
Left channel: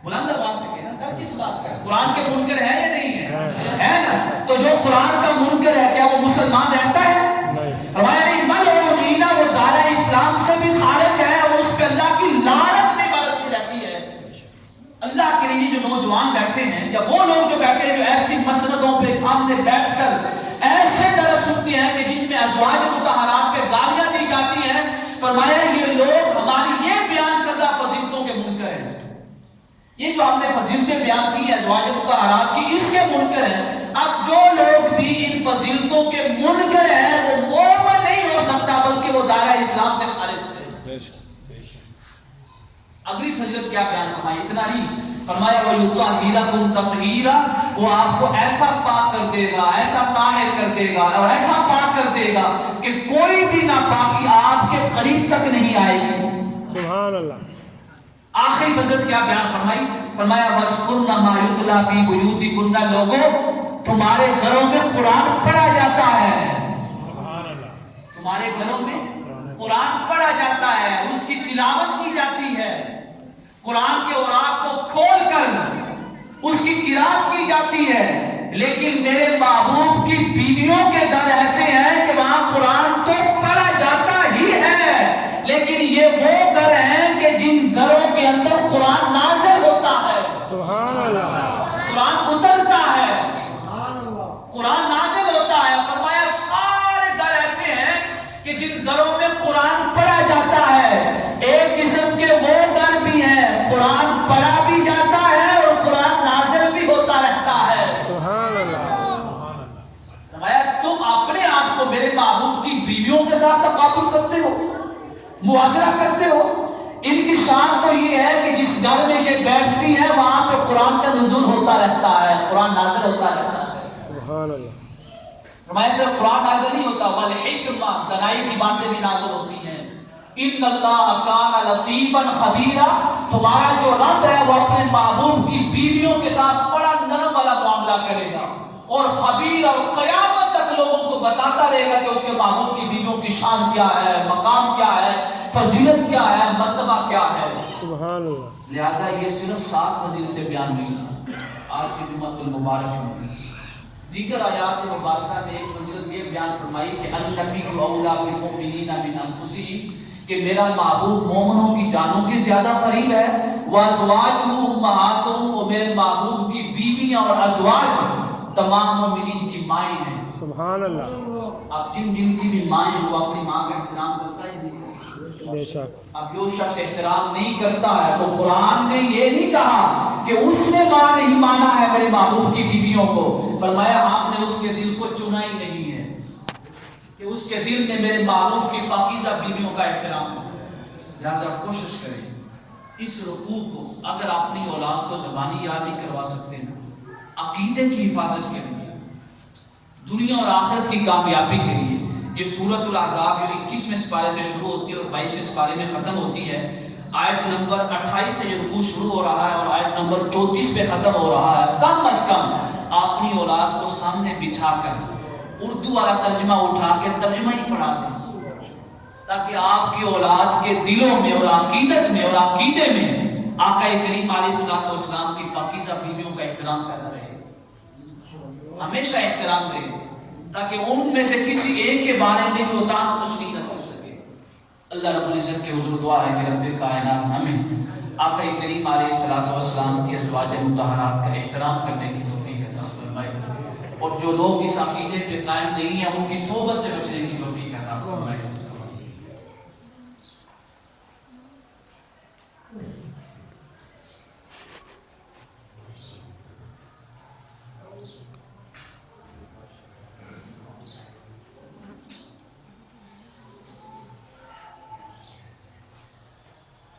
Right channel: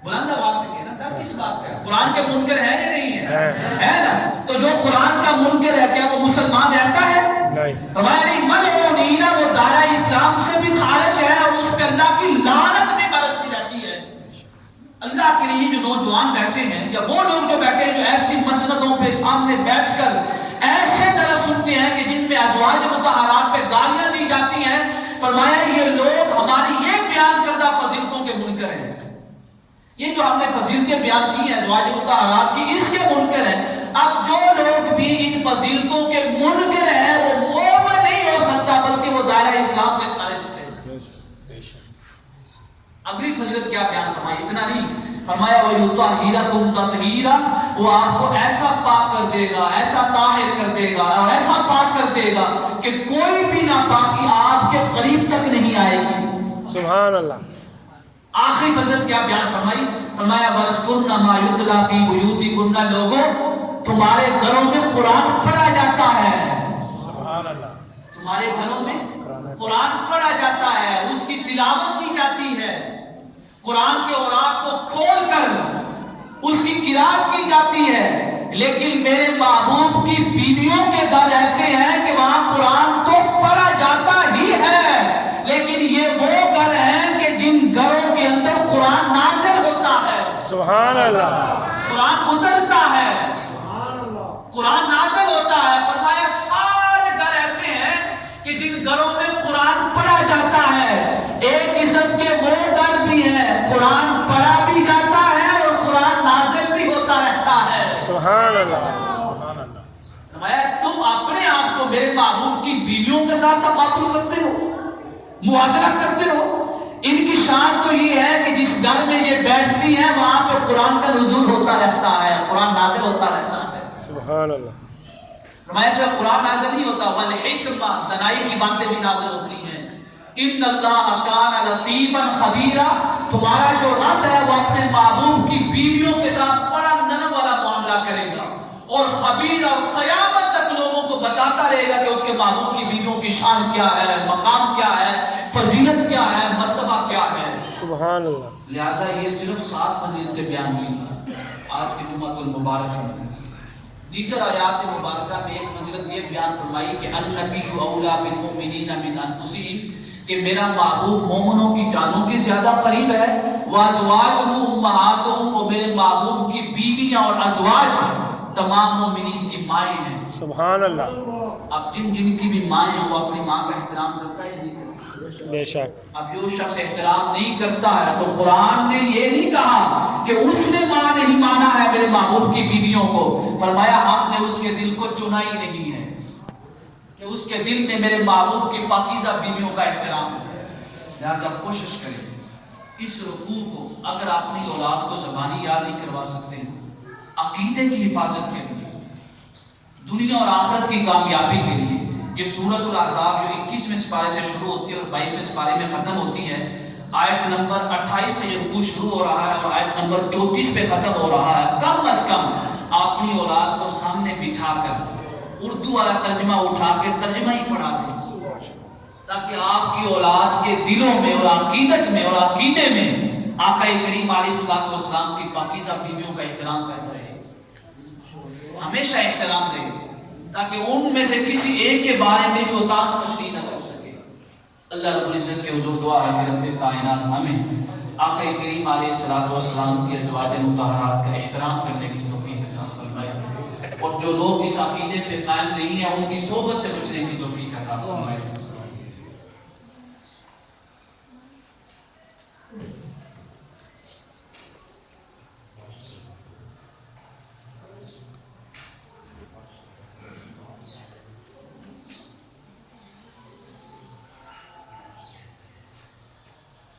بلند آواز سے کہنا، ڈر کس بات کا ہے؟ قرآن کے منکر ہیں یا نہیں ہیں؟ ہے نا؟ تو جو قرآن کا منکر ہے کیا وہ مسلمان رہتا ہے؟ فرمایا نہیں، ملعونین، وہ دائرہ اسلام سے بھی خارج ہے اور اس پہ اللہ کی لعنت بھی برستی رہتی ہے۔ اللہ کے لیے جو نوجوان بیٹھے ہیں یا وہ لوگ جو بیٹھے ہیں جو ایسی مسندوں پہ سامنے بیٹھ کر ایسے درس سنتے ہیں کہ جن میں ازواج مطہرات پہ گالیاں دی جاتی ہیں، فرمایا یہ لوگ ہماری یہ بیان کردہ فضیلتوں کے منکر ہیں۔ یہ جو ہم نے فضیلتیں بیان کی ہیں ازواج مطہرات کی، اس کے منکر ہیں۔ اب جو لوگ بھی ان فضیلتوں کے منکر ہیں وہ مومن نہیں ہو سکتا بلکہ وہ دائرہ اسلام سے خارج ہے۔ اگلی فضیلت کیا بیان فرمائی؟ اتنا نہیں، فرمایا وَيُطَهِّرَكُمْ تَطْهِيرًا، وہ آپ کو ایسا پاک کر دے گا، ایسا طاہر کر دے گا اور ایسا پاک کر دے گا کہ کوئی بھی ناپاکی آپ کے قریب تک نہیں آئے گی۔ سبحان اللہ۔ آخری فضیلت کیا بیان فرمائی؟ فرمایا وَاذْكُرْنَ مَا يُتْلَى فِي بُيُوتِكُنَّ، لوگوں تمہارے گھروں میں قرآن پڑھا جاتا ہے۔ سبحان اللہ۔ تمہارے گھروں میں قرآن پڑھا جاتا ہے، اس کی تلاوت کی جاتی ہے، قرآن کے اوراق کو کھول کر اس کی قرات کی جاتی ہے، لیکن میرے محبوب کی بیویوں کے گھر ایسے ہیں کہ وہاں قرآن تو پڑھا جاتا ہی ہے، لیکن یہ وہ گھر ہیں کہ جن گھروں کے اندر قرآن نازل ہوتا ہے۔ سبحان اللہ۔ قرآن اترتا ہے، قرآن نازل ہوتا ہے۔ فرمایا سارے گھر ایسے ہیں کہ جن گھروں میں قرآن پڑھا جاتا ہے۔ ایک قسم کے وہ گھر بھی ہیں قرآن پڑھا بھی جاتا ہے اور قرآن نازل بھی ہوتا رہتا ہے۔ سبحان اللہ۔ فرمایا تم اپنے آپ کو میرے محبوب کی بیویوں کے ساتھ تقابل کرتے ہو، موازنہ کرتے ہو۔ ان کی شان تو یہ ہے کہ جس گھر میں یہ بیٹھتی ہیں وہاں پہ قرآن کا نزول ہوتا رہتا ہے، قرآن نازل ہوتا رہتا ہے۔ سبحان اللہ۔ فرمایا صرف قرآن نازل نہیں ہوتا، والحکمہ، دانائی کی باتیں بھی نازل ہوتی ہیں۔ ان اللہ کان لطیفا خبیرا، تمہارا جو رب ہے وہ اپنے محبوب کی بیویوں کے ساتھ بڑا نرم والا معاملہ کرے گا اور خبیر، اور قیامت تک لوگوں کو بتاتا رہے گا کہ اس کے محبوب کی بیویوں کی شان کیا ہے، مقام کیا ہے، فضیلت کیا ہے، مرتبہ کیا ہے۔ سبحان اللہ۔ لہٰذا یہ صرف 7 فضیلتیں بیان ہوئی آج کے جمعۃ المبارک میں۔ دیگر آیات مبارکہ میں ایک فضیلت یہ بیان فرمائی کہ النبی اولیٰ بالمؤمنین من انفسہم، کہ میرا محبوب مومنوں کی جانوں کی زیادہ قریب ہے۔ وازواجہ امہاتہم، اور میرے محبوب کی بیویاں اور ازواج تمام مومنین کی مائیں ہیں۔ سبحان اللہ۔ اب جن کی بھی مائیں ہیں وہ اپنی ماں کا احترام کرتا ہے نہیں کرتا؟ بے شک۔ اب جو شخص احترام نہیں کرتا ہے تو قرآن نے یہ نہیں کہا کہ اس نے ماں نہیں مانا ہے میرے محبوب کی بیویوں کو، فرمایا ہم نے اس کے دل کو چنا ہی نہیں ہے کہ اس کے دل میں میرے محبوب کی پاکیزہ بیویوں کا احترام ہو۔ لہذا کوشش کریں اس رکوع کو، اگر اپنی اولاد کو زبانی یاد نہیں کروا سکتے ہیں، عقیدے کی حفاظت کے لیے، دنیا اور آخرت کی کامیابی کے لیے، یہ سورۃ الاحزاب جو 21ویں سپارے سے شروع ہوتی ہے اور 22ویں سپارے میں ختم ہوتی ہے، آیت نمبر 28 سے یہ رکوع شروع ہو رہا ہے اور آیت نمبر 34 پہ ختم ہو رہا ہے۔ کم از کم اپنی اولاد کو سامنے بٹھا کر اردو والا ترجمہ اٹھا کے ترجمہ ہی پڑھا دیں، تاکہ آپ کی اولاد کے دلوں میں اور عقیدت میں اور عقیدے میں آقا کریم علیہ السلام کی پاکیزہ بیویوں کا احترام پیدا رہے، ہمیشہ احترام رہے، تاکہ ان میں سے کسی ایک کے بارے میں بھی اتان تشریح نہ کر سکے۔ اللہ رب العزت کے حضور دعا ہے کہ رب کائنات ہمیں آقا کریم علیہ السلام کی ازواج مطہرات کا احترام کرنے کی توفیق عطا فرمائے، اور جو لوگ اس عقیدے پہ قائم نہیں ہیں ان کی صحبت سے بچنے کی توفیق عطا فرمائے۔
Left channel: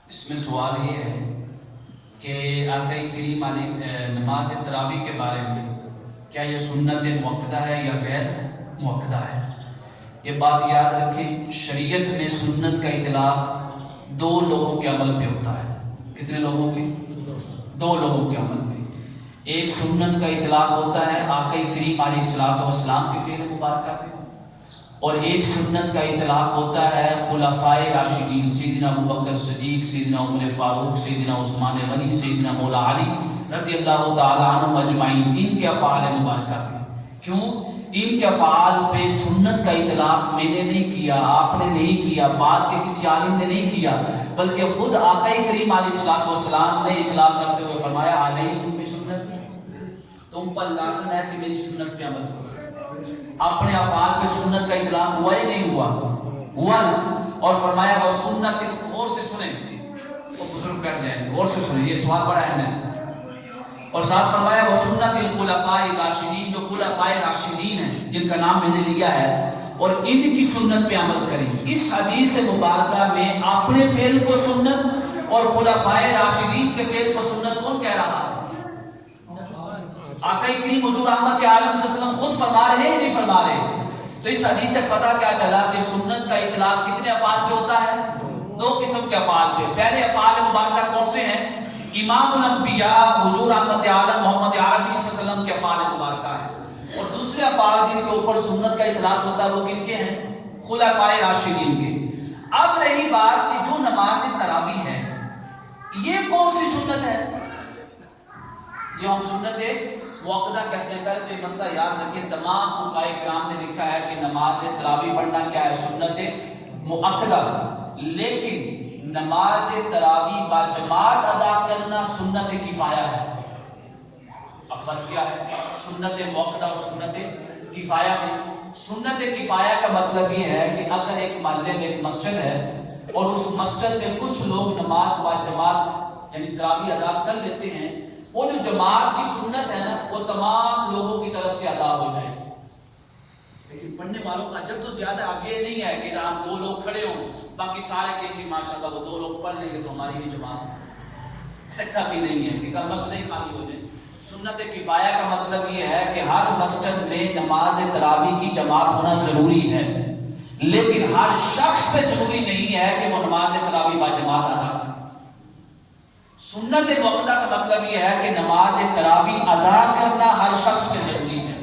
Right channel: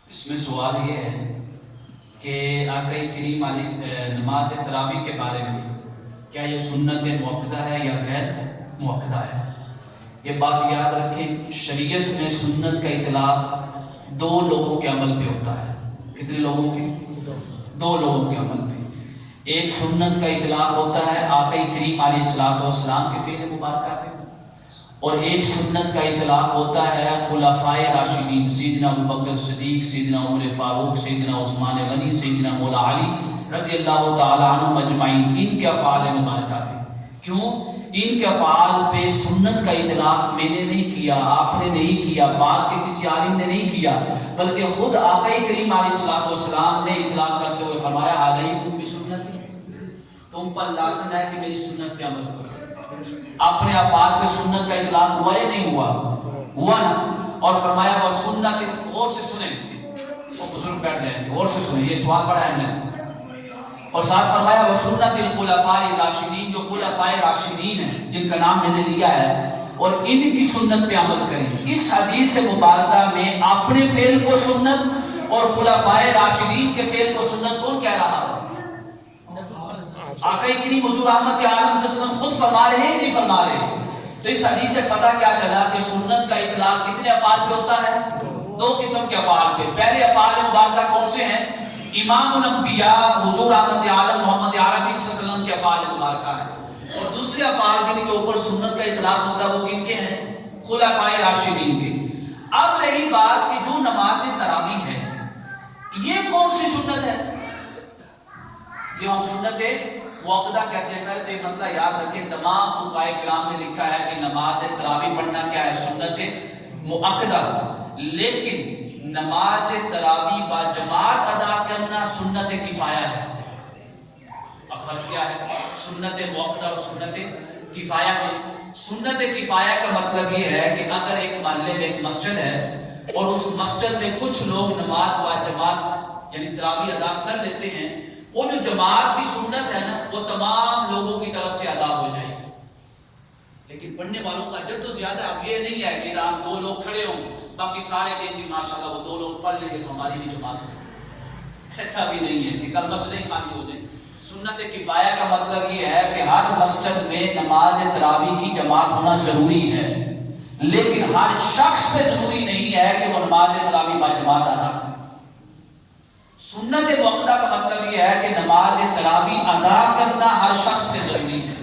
اس میں سوال یہ ہے کہ آقا کریم علیہ نماز تراویح کے بارے میں کیا یہ سنت موقدہ ہے یا غیر موقدہ ہے؟ یہ بات یاد رکھیں، شریعت میں سنت کا اطلاق 2 لوگوں کے عمل پہ ہوتا ہے۔ کتنے لوگوں کے؟ 2 لوگوں کے عمل پہ۔ ایک سنت کا اطلاق ہوتا ہے آقا کریم علیہ السلام کے فعل مبارکہ پہ، اور ایک سنت کا اطلاق ہوتا ہے خلفائے راشدین سیدنا ابوبکر صدیق، سیدنا عمر فاروق، سیدنا عثمان غنی، سیدنا مولا علی رضی اللہ تعالی عنہم اجمعین، ان کے افعال مبارکہ پہ۔ کیوں؟ ان کے افعال پہ سنت کا اطلاق میں نے نہیں کیا، آپ نے نہیں کیا، بعد کے کسی عالم نے نہیں کیا، بلکہ خود آقا کریم علیہ السلام نے اطلاق کرتے ہوئے فرمایا علیکم بسنتی، تم پر لازم ہے کہ میری سنت پہ عمل کرو۔ اپنے افعال پہ سنت کا اطلاق ہوا یا نہیں ہوا؟ ہوا نا۔ اور فرمایا وہ سنت، غور سے سنیں، وہ بزرگ بیٹھ جائیں، غور سے سنیں، یہ سوال پڑھا ہے میں، اور ساتھ فرمایا وہ سنت الخلفاء راشدین، جو خلفاء راشدین ہیں جن کا نام میں نے لیا ہے، اور ان کی سنت پہ عمل کریں۔ اس حدیث مبارکہ میں اپنے فعل کو سنت اور خلفاء راشدین کے فعل کو سنت کون کہہ رہا ہے؟ آقا کریم حضور رحمت عالم صلی اللہ علیہ وسلم خود فرما رہے ہیں نہیں فرما رہے؟ تو اس حدیث سے پتہ کیا چلا کہ سنت کا اطلاق کتنے افعال پہ ہوتا ہے؟ دو قسم کے افعال پہ۔ پہلے افعال مبارکہ کون سے ہیں؟ امام الانبیاء حضور رحمت عالم محمد عربی صلی اللہ علیہ وسلم کے افعال مبارکہ ہیں، اور دوسرے افعال جن کے اوپر سنت کا اطلاق ہوتا ہے وہ کن کے ہیں؟ خلفاء راشدین کے۔ اب رہی بات کہ جو نماز تراویح ہے یہ کون سی سنت ہے؟ یہ ہم سنت موقدہ کہتے ہیں۔ پہلے تو یہ مسئلہ یاد رکھیں، تمام فقہاء کرام نے لکھا ہے کہ نماز تراویح پڑھنا کیا ہے؟ سنت مؤکدہ، لیکن نماز تراویح با جماعت ادا کرنا سنت کفایہ ہے۔ اب فرق کیا ہے سنت موقدہ اور سنت کفایہ میں؟ سنت کفایہ کا مطلب یہ ہے کہ اگر ایک محلے میں ایک مسجد ہے اور اس مسجد میں کچھ لوگ نماز با جماعت یعنی تراویح ادا کر لیتے ہیں، وہ جو جماعت کی سنت ہے نا وہ تمام لوگوں کی طرف سے ادا ہو جائے گی، لیکن پڑھنے والوں کا اجر تو زیادہ ہے۔ اب یہ نہیں ہے کہ ہم دو لوگ کھڑے ہوں باقی سارے دن کی ماشاءاللہ وہ دو لوگ پڑھ لیں گے تو ہماری بھی جماعت ہے، ایسا بھی نہیں ہے کہ کل مسجد ہی خالی ہو جائے۔ سنت کفایہ کا مطلب یہ ہے کہ ہر مسجد میں نماز تراویح کی جماعت ہونا ضروری ہے، لیکن ہر شخص پہ ضروری نہیں ہے کہ وہ نماز تراویح با جماعت ادا کرے۔ سنت موقدہ کا مطلب یہ ہے کہ نماز تراویح ادا کرنا ہر شخص پہ ضروری ہے،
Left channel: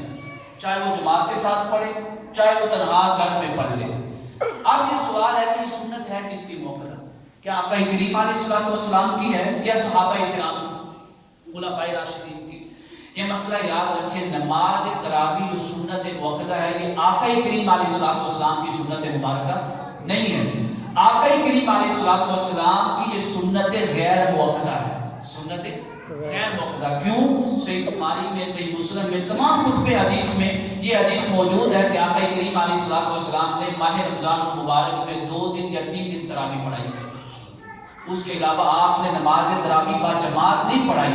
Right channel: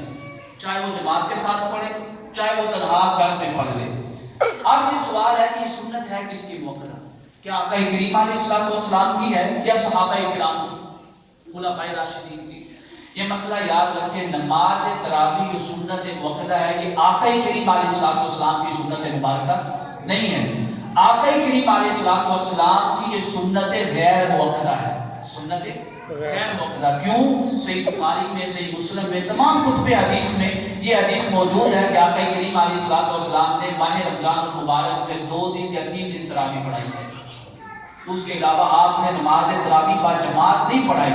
چاہے وہ جماعت کے ساتھ پڑھے چاہے وہ تنہا گھر میں پڑھ لے۔ اب یہ سوال ہے کہ یہ سنت ہے کس کی موقدہ؟ کیا آقا کریم علیہ السلام کی ہے یا صحابہ کرام کی، خلفاء راشدین کی؟ یہ مسئلہ یاد رکھیں، نماز تراویح جو سنت موقدہ ہے یہ آقا کریم علیہ السلام کی سنت مبارکہ نہیں ہے۔ آقا کریم علیہ السلام کی یہ سنت غیر موقدہ ہے، سنت غیر موقدہ۔ کیوں؟ صحیح بخاری میں، صحیح مسلم میں، تمام کتب حدیث میں یہ حدیث موجود ہے کہ آقا کریم علیہ السلام نے ماہ رمضان المبارک میں 2 دن یا 3 دن تراویح پڑھائی ہے، اس کے علاوہ آپ نے نماز تراویح با جماعت نہیں پڑھائی،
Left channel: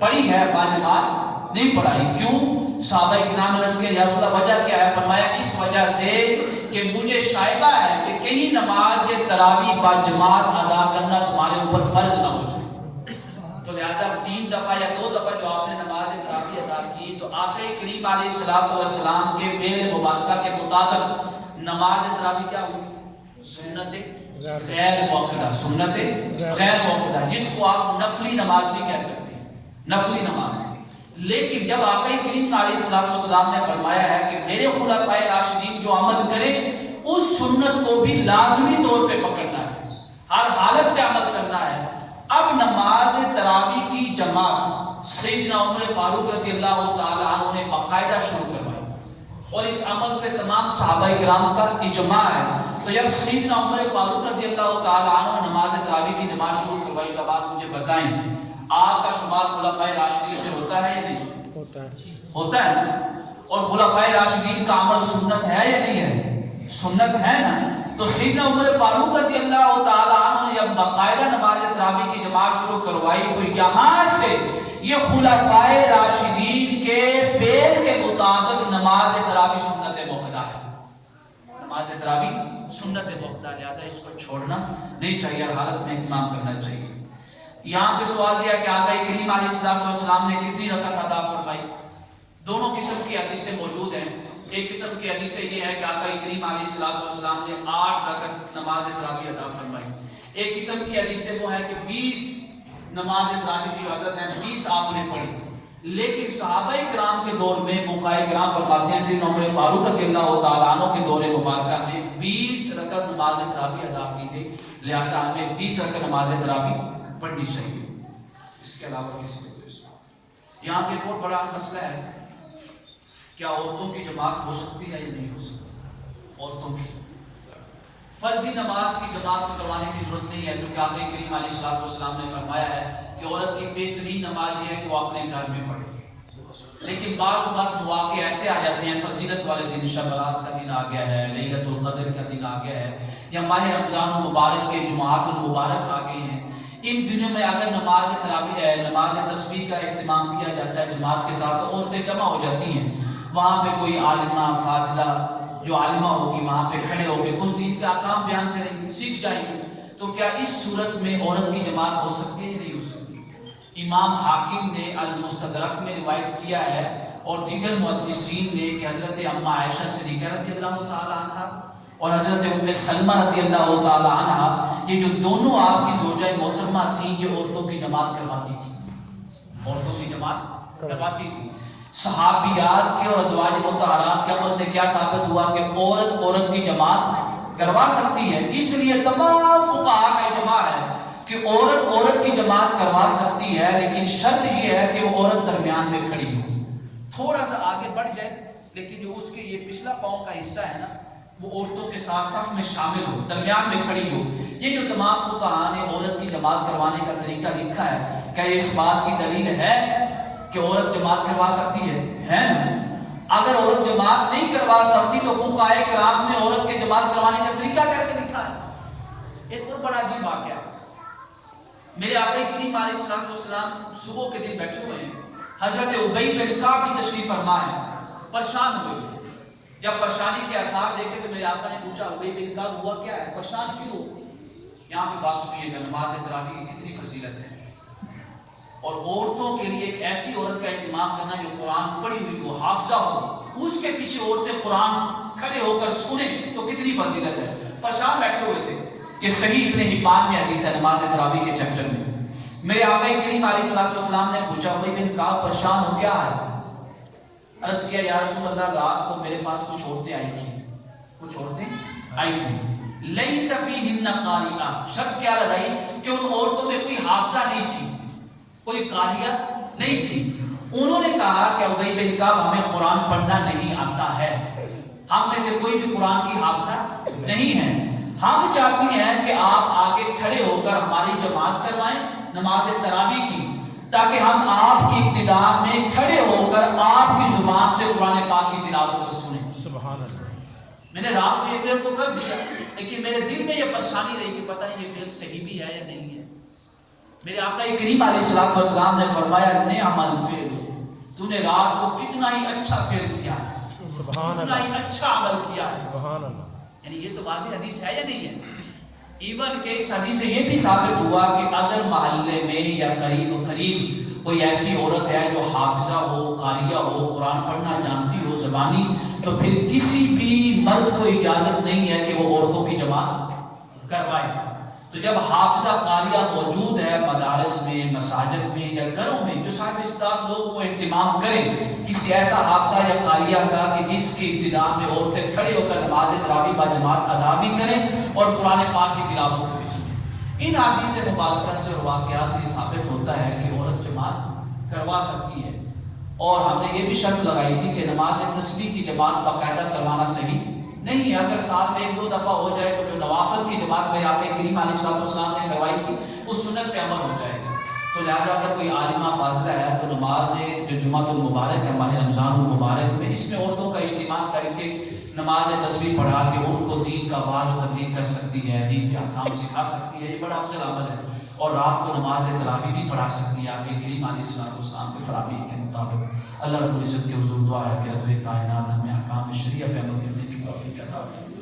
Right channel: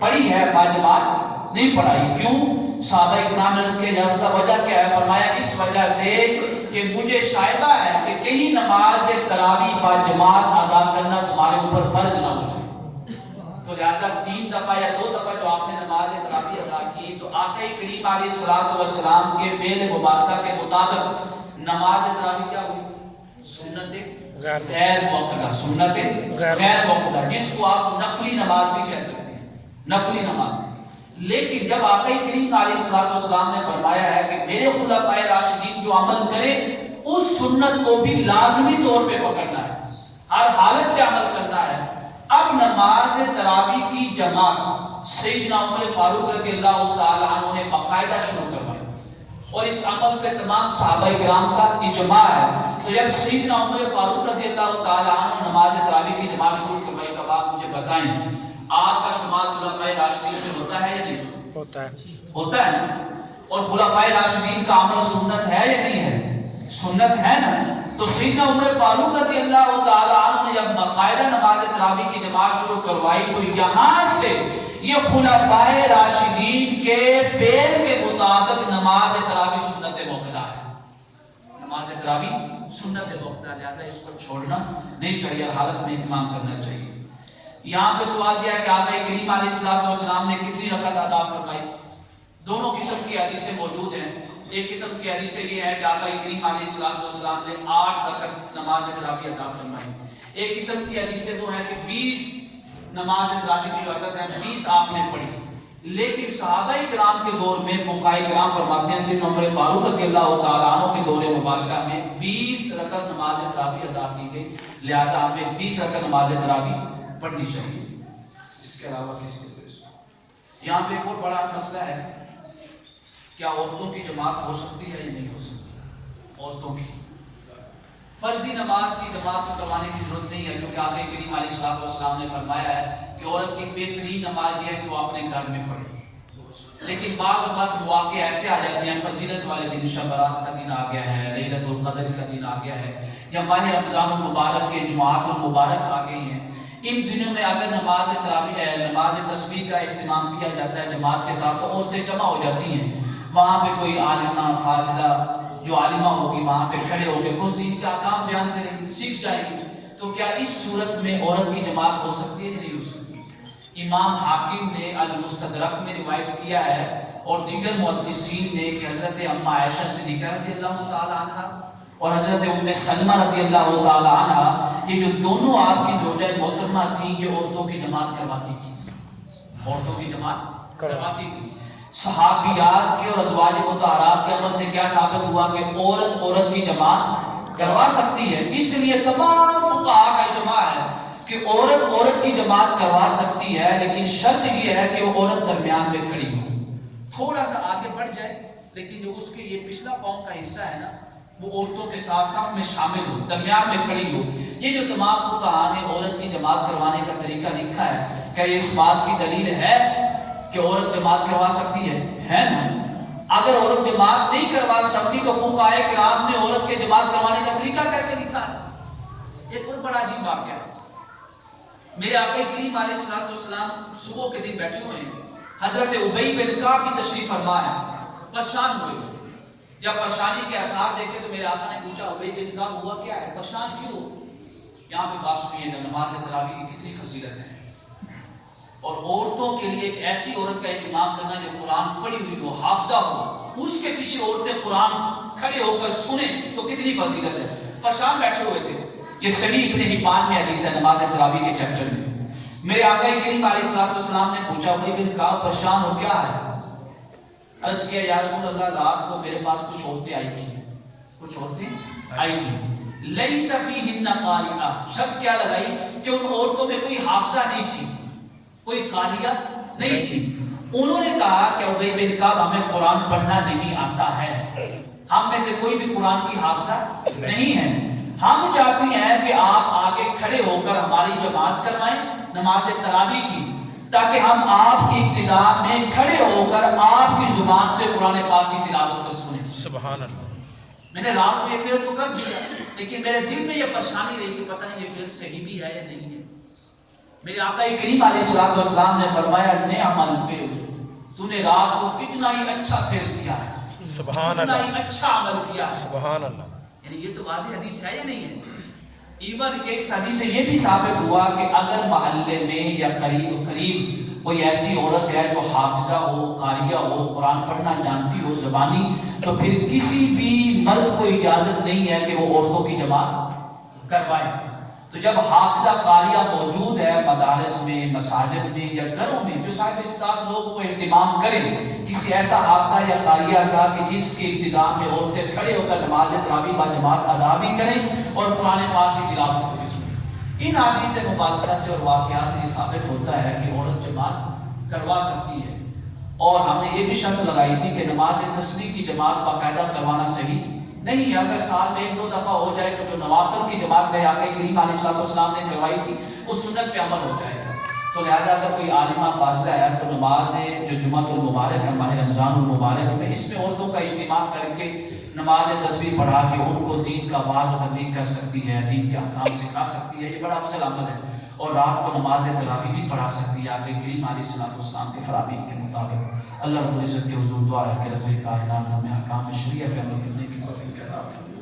پڑھی ہے با جماعت نہیں پڑھائی۔ کیوں؟ صحابہ کرام نے عرض کیا یا رسول اللہ وجہ کیا ہے؟ فرمایا اس وجہ سے کہ مجھے شائبہ ہے کہ کہیں نماز تراویح با جماعت ادا کرنا تمہارے اوپر فرض نہ ہو جائے، تو لہٰذا 3 دفعہ یا 2 دفعہ جو آپ نے نماز تراویح ادا کی تو آقا کریم علیہ السلام کے فعل مبارکہ کے مطابق نماز تراویح کیا ہوئی؟ سنت غیر موقدہ، سنت غیر موقدہ، جس کو آپ نفلی نماز بھی کہہ سکتے ہیں، نفلی نماز۔ لیکن جب آقا کریم علیہ السلام نے فرمایا ہے کہ میرے خلفاء راشدین جو عمل کریں اس سنت کو بھی لازمی طور پہ پکڑنا ہے، ہر حالت پہ عمل کرنا ہے۔ اب نماز تراویح کی جماعت سیدنا عمر فاروق رضی اللہ تعالی عنہ نے باقاعدہ شروع کروائی، اور اس عمل پہ تمام صحابہ کرام کا اجماع ہے۔ تو جب سیدنا عمر فاروق رضی اللہ تعالی عنہ نماز تراویح کی جماعت شروع کروائی تو آپ مجھے بتائیں آپ کا شمار خلفاء راشدین میں ہوتا ہے یا نہیں ہوتا ہے؟ ہوتا ہے۔ اور خلفاء راشدین کا عمل سنت ہے یا نہیں ہے؟ سنت ہے نا۔ تو سیدنا عمر فاروق رضی اللہ تعالی عنہ نے جب باقاعدہ نماز تراویح کی جماعت شروع کروائی تو یہاں سے یہ خلفاء راشدین کے فعل کے مطابق نماز تراویح سنت موقدہ ہے، نماز تراویح سنت موقدہ، لہذا اس کو چھوڑنا نہیں چاہیے، ہر حالت میں اہتمام کرنا چاہیے۔ یہاں پہ سوال کیا کہ آقا کریم علیہ السلام نے کتنی رکعت ادا فرمائی؟ دونوں قسم کی حدیثیں موجود ہیں۔ ایک قسم کی حدیث یہ ہے کہ آقا کریم علیہ السلام نے 8 رکعت نماز تراویح ادا فرمائی۔ ایک قسم کی حدیثیں وہ ہیں کہ 20 نماز تراویح کی جو عدد ہے 20 آپ نے پڑھی، لیکن صحابہ کرام کے دور میں فقہاء کرام فرماتے ہیں سیدنا عمر فاروق رضی اللہ تعالیٰ عنہ کے دور مبارکہ میں 20 رکعت نماز تراویح ادا کی گئی، لہٰذا ہمیں 20 رکعت نماز تراویح پڑھنی چاہیے، اس کے علاوہ کسی کو کوئی سنو۔ یہاں پہ ایک اور بڑا مسئلہ ہے، کیا عورتوں کی جماعت ہو سکتی ہے یا نہیں ہو سکتی؟ عورتوں کی فرضی نماز کی جماعت کو کروانے کی ضرورت نہیں ہے، کیونکہ آقا کریم علیہ الصلوۃ والسلام نے فرمایا ہے کہ عورت کی بہترین نماز یہ ہے کہ وہ اپنے گھر میں پڑھے۔ لیکن بعض اوقات مواقع ایسے آ جاتے ہیں، فضیلت والے دن، شب برات کا دن آ گیا ہے، لیلۃ القدر کا دن آ گیا ہے، یا ماہ رمضان المبارک کے جمعات المبارک آ گئے ہیں، ان دنوں میں اگر نماز تراویح نماز تسبیح کا اہتمام کیا جاتا ہے جماعت کے ساتھ، تو عورتیں جمع ہو جاتی ہیں، وہاں پہ کوئی عالمہ فاضلہ جو عالمہ ہوگی وہاں پہ کھڑے ہو کے کچھ دین کے احکام بیان کریں گے، سیکھ جائیں گے، تو کیا اس صورت میں عورت کی جماعت ہو سکتی ہے یا نہیں ہو سکتی؟ امام حاکم نے المستدرک میں روایت کیا ہے اور دیگر محدثین نے کہ حضرت اما عائشہ صدیقہ رضی اللہ تعالی عنہ اور حضرت ام سلمہ رضی اللہ تعالی عنہ، یہ جو دونوں آپ کی زوجہ محترمہ تھیں، یہ عورتوں کی جماعت کرواتی تھی، عورتوں کی جماعت کرواتی تھی۔ صحابیات کے اور ازواج مطہرات کے عمل سے کیا ثابت ہوا کہ عورت کی جماعت کروا سکتی ہے۔ اس لیے تمام فقہاء کا اجماع ہے کہ عورت کی جماعت کروا سکتی ہے، لیکن شرط یہ ہے کہ وہ عورت درمیان میں کھڑی ہو، تھوڑا سا آگے بڑھ جائے، لیکن جو اس کے یہ پچھلا پاؤں کا حصہ ہے نا، وہ عورتوں کے ساتھ صف میں شامل ہو، درمیان میں کھڑی ہو۔ یہ جو تمام فقہاء نے عورت کی جماعت کروانے کا طریقہ لکھا ہے، کیا یہ اس بات کی دلیل ہے کہ عورت جماعت کروا سکتی ہے نا؟ اگر عورت جماعت نہیں کروا سکتی تو فقہاء کرام نے عورت کے جماعت کروانے کا طریقہ کیسے لکھا ہے؟ ایک اور بڑا عجیب واقعہ، میرے آقا کریم علیہ الصلوۃ والسلام صبح کے دن بیٹھے ہوئے ہیں، حضرت ابی بن کعب بھی تشریف فرما ہے، پریشان ہوئے، جب پریشانی کے آثار دیکھے تو میرے آقا نے پوچھا ابی بن کعب ہوا کیا ہے، پریشان کیوں ہو؟ یہاں پہ بات سنیے گا، نماز تراویح کی کتنی فضیلت ہے، اور عورتوں کے لیے ایک ایسی عورت کا اہتمام کرنا جو قرآن پڑھی ہوئی ہو، حافظہ ہو، اس کے پیچھے عورتیں قرآن کھڑے ہو کر سنیں تو کتنی فضیلت ہے۔ پریشان بیٹھے ہوئے تھے، یہ صحیح ابن حبان میں حدیث ہے نماز تراویح کے چیپٹر میں۔ میرے آقا کریم علیہ الصلوۃ والسلام نے پوچھا ابی بن کعب پریشان ہو کیا ہے؟ عرض کیا یا رسول اللہ رات کو میرے پاس کچھ عورتیں آئی تھیں، لیس فیہن قاریہ، شرط کیا لگائی کہ ان عورتوں میں کوئی حافظہ نہیں تھی، کوئی قاریہ نہیں تھی۔ انہوں نے کہا کہ ابی بن کعب ہمیں قرآن پڑھنا نہیں آتا ہے، ہم میں سے کوئی بھی قرآن کی حافظہ نہیں ہے، ہم چاہتی ہیں کہ آپ آگے کھڑے ہو کر ہماری جماعت کروائیں نماز تراویح کی، تاکہ ہم آپ کی ابتدا میں کھڑے ہو کر آپ کی زبان سے قرآن پاک کی تلاوت کو سنیں۔ سبحان اللہ۔ میں نے رات کو یہ فعل تو کر دیا، لیکن میرے دل میں یہ پریشانی رہی کہ پتہ نہیں یہ فعل صحیح بھی ہے یا نہیں ہے۔ میرے آقا کریم علیہ الصلوۃ والسلام نے فرمایا نعم الفعل، تو نے رات کو کتنا ہی اچھا فعل کیا ہے، کتنا ہی اچھا عمل کیا ہے۔ سبحان اللہ۔ یعنی یہ تو واضح حدیث ہے یا نہیں ہے؟ ایون کہ اس حدیث سے یہ بھی ثابت ہوا کہ اگر محلے میں یا قریب کوئی ایسی عورت ہے جو حافظہ ہو، قاریہ ہو، قرآن پڑھنا جانتی ہو زبانی، تو پھر کسی بھی مرد کو اجازت نہیں ہے کہ وہ عورتوں کی جماعت کروائے۔ تو جب حافظہ قاریہ موجود ہے مدارس میں، مساجد میں یا گھروں میں، جو صاحب استاد لوگ وہ اہتمام کریں کسی ایسا حافظہ یا قاریہ کا کہ جس کی ابتدا میں عورتیں کھڑے ہو کر نماز تراویح با جماعت ادا بھی کریں اور قرآن پاک کی تلاوت کو بھی سنیں۔ ان حدیث مبارکہ سے اور واقعات سے یہ ثابت ہوتا ہے کہ عورت جماعت کروا سکتی ہے، اور ہم نے یہ بھی شرط لگائی تھی کہ نماز تسبیح کی جماعت باقاعدہ کروانا صحیح نہیں ہے۔ اگر سال میں 1-2 دفعہ ہو جائے تو جو نوافل کی جماعت میرے آقا کریم علیہ الصلوۃ والسلام نے کروائی تھی اس سنت پہ عمل ہو جائے گا۔ تو لہٰذا اگر کوئی عالمہ فاضلہ ہے تو نماز جو جمعۃ المبارک ہے ماہ رمضان المبارک میں، اس میں عورتوں کا اجتماع کر کے نماز تسبیح پڑھا کے ان کو دین کا واعظ و تبلیغ کر سکتی ہے، دین کے احکام سکھا سکتی ہے، یہ بڑا افضل عمل ہے۔ اور رات کو نماز تراویح بھی پڑھا سکتی ہے آقا کریم علیہ الصلوۃ والسلام کے فرامین کے مطابق۔ اللہ رب العزت کے حضور دعا ہے کہ رب کائنات ہمیں احکام شریعہ پہ عمل کرنے کی توفیق عطا فرمائے۔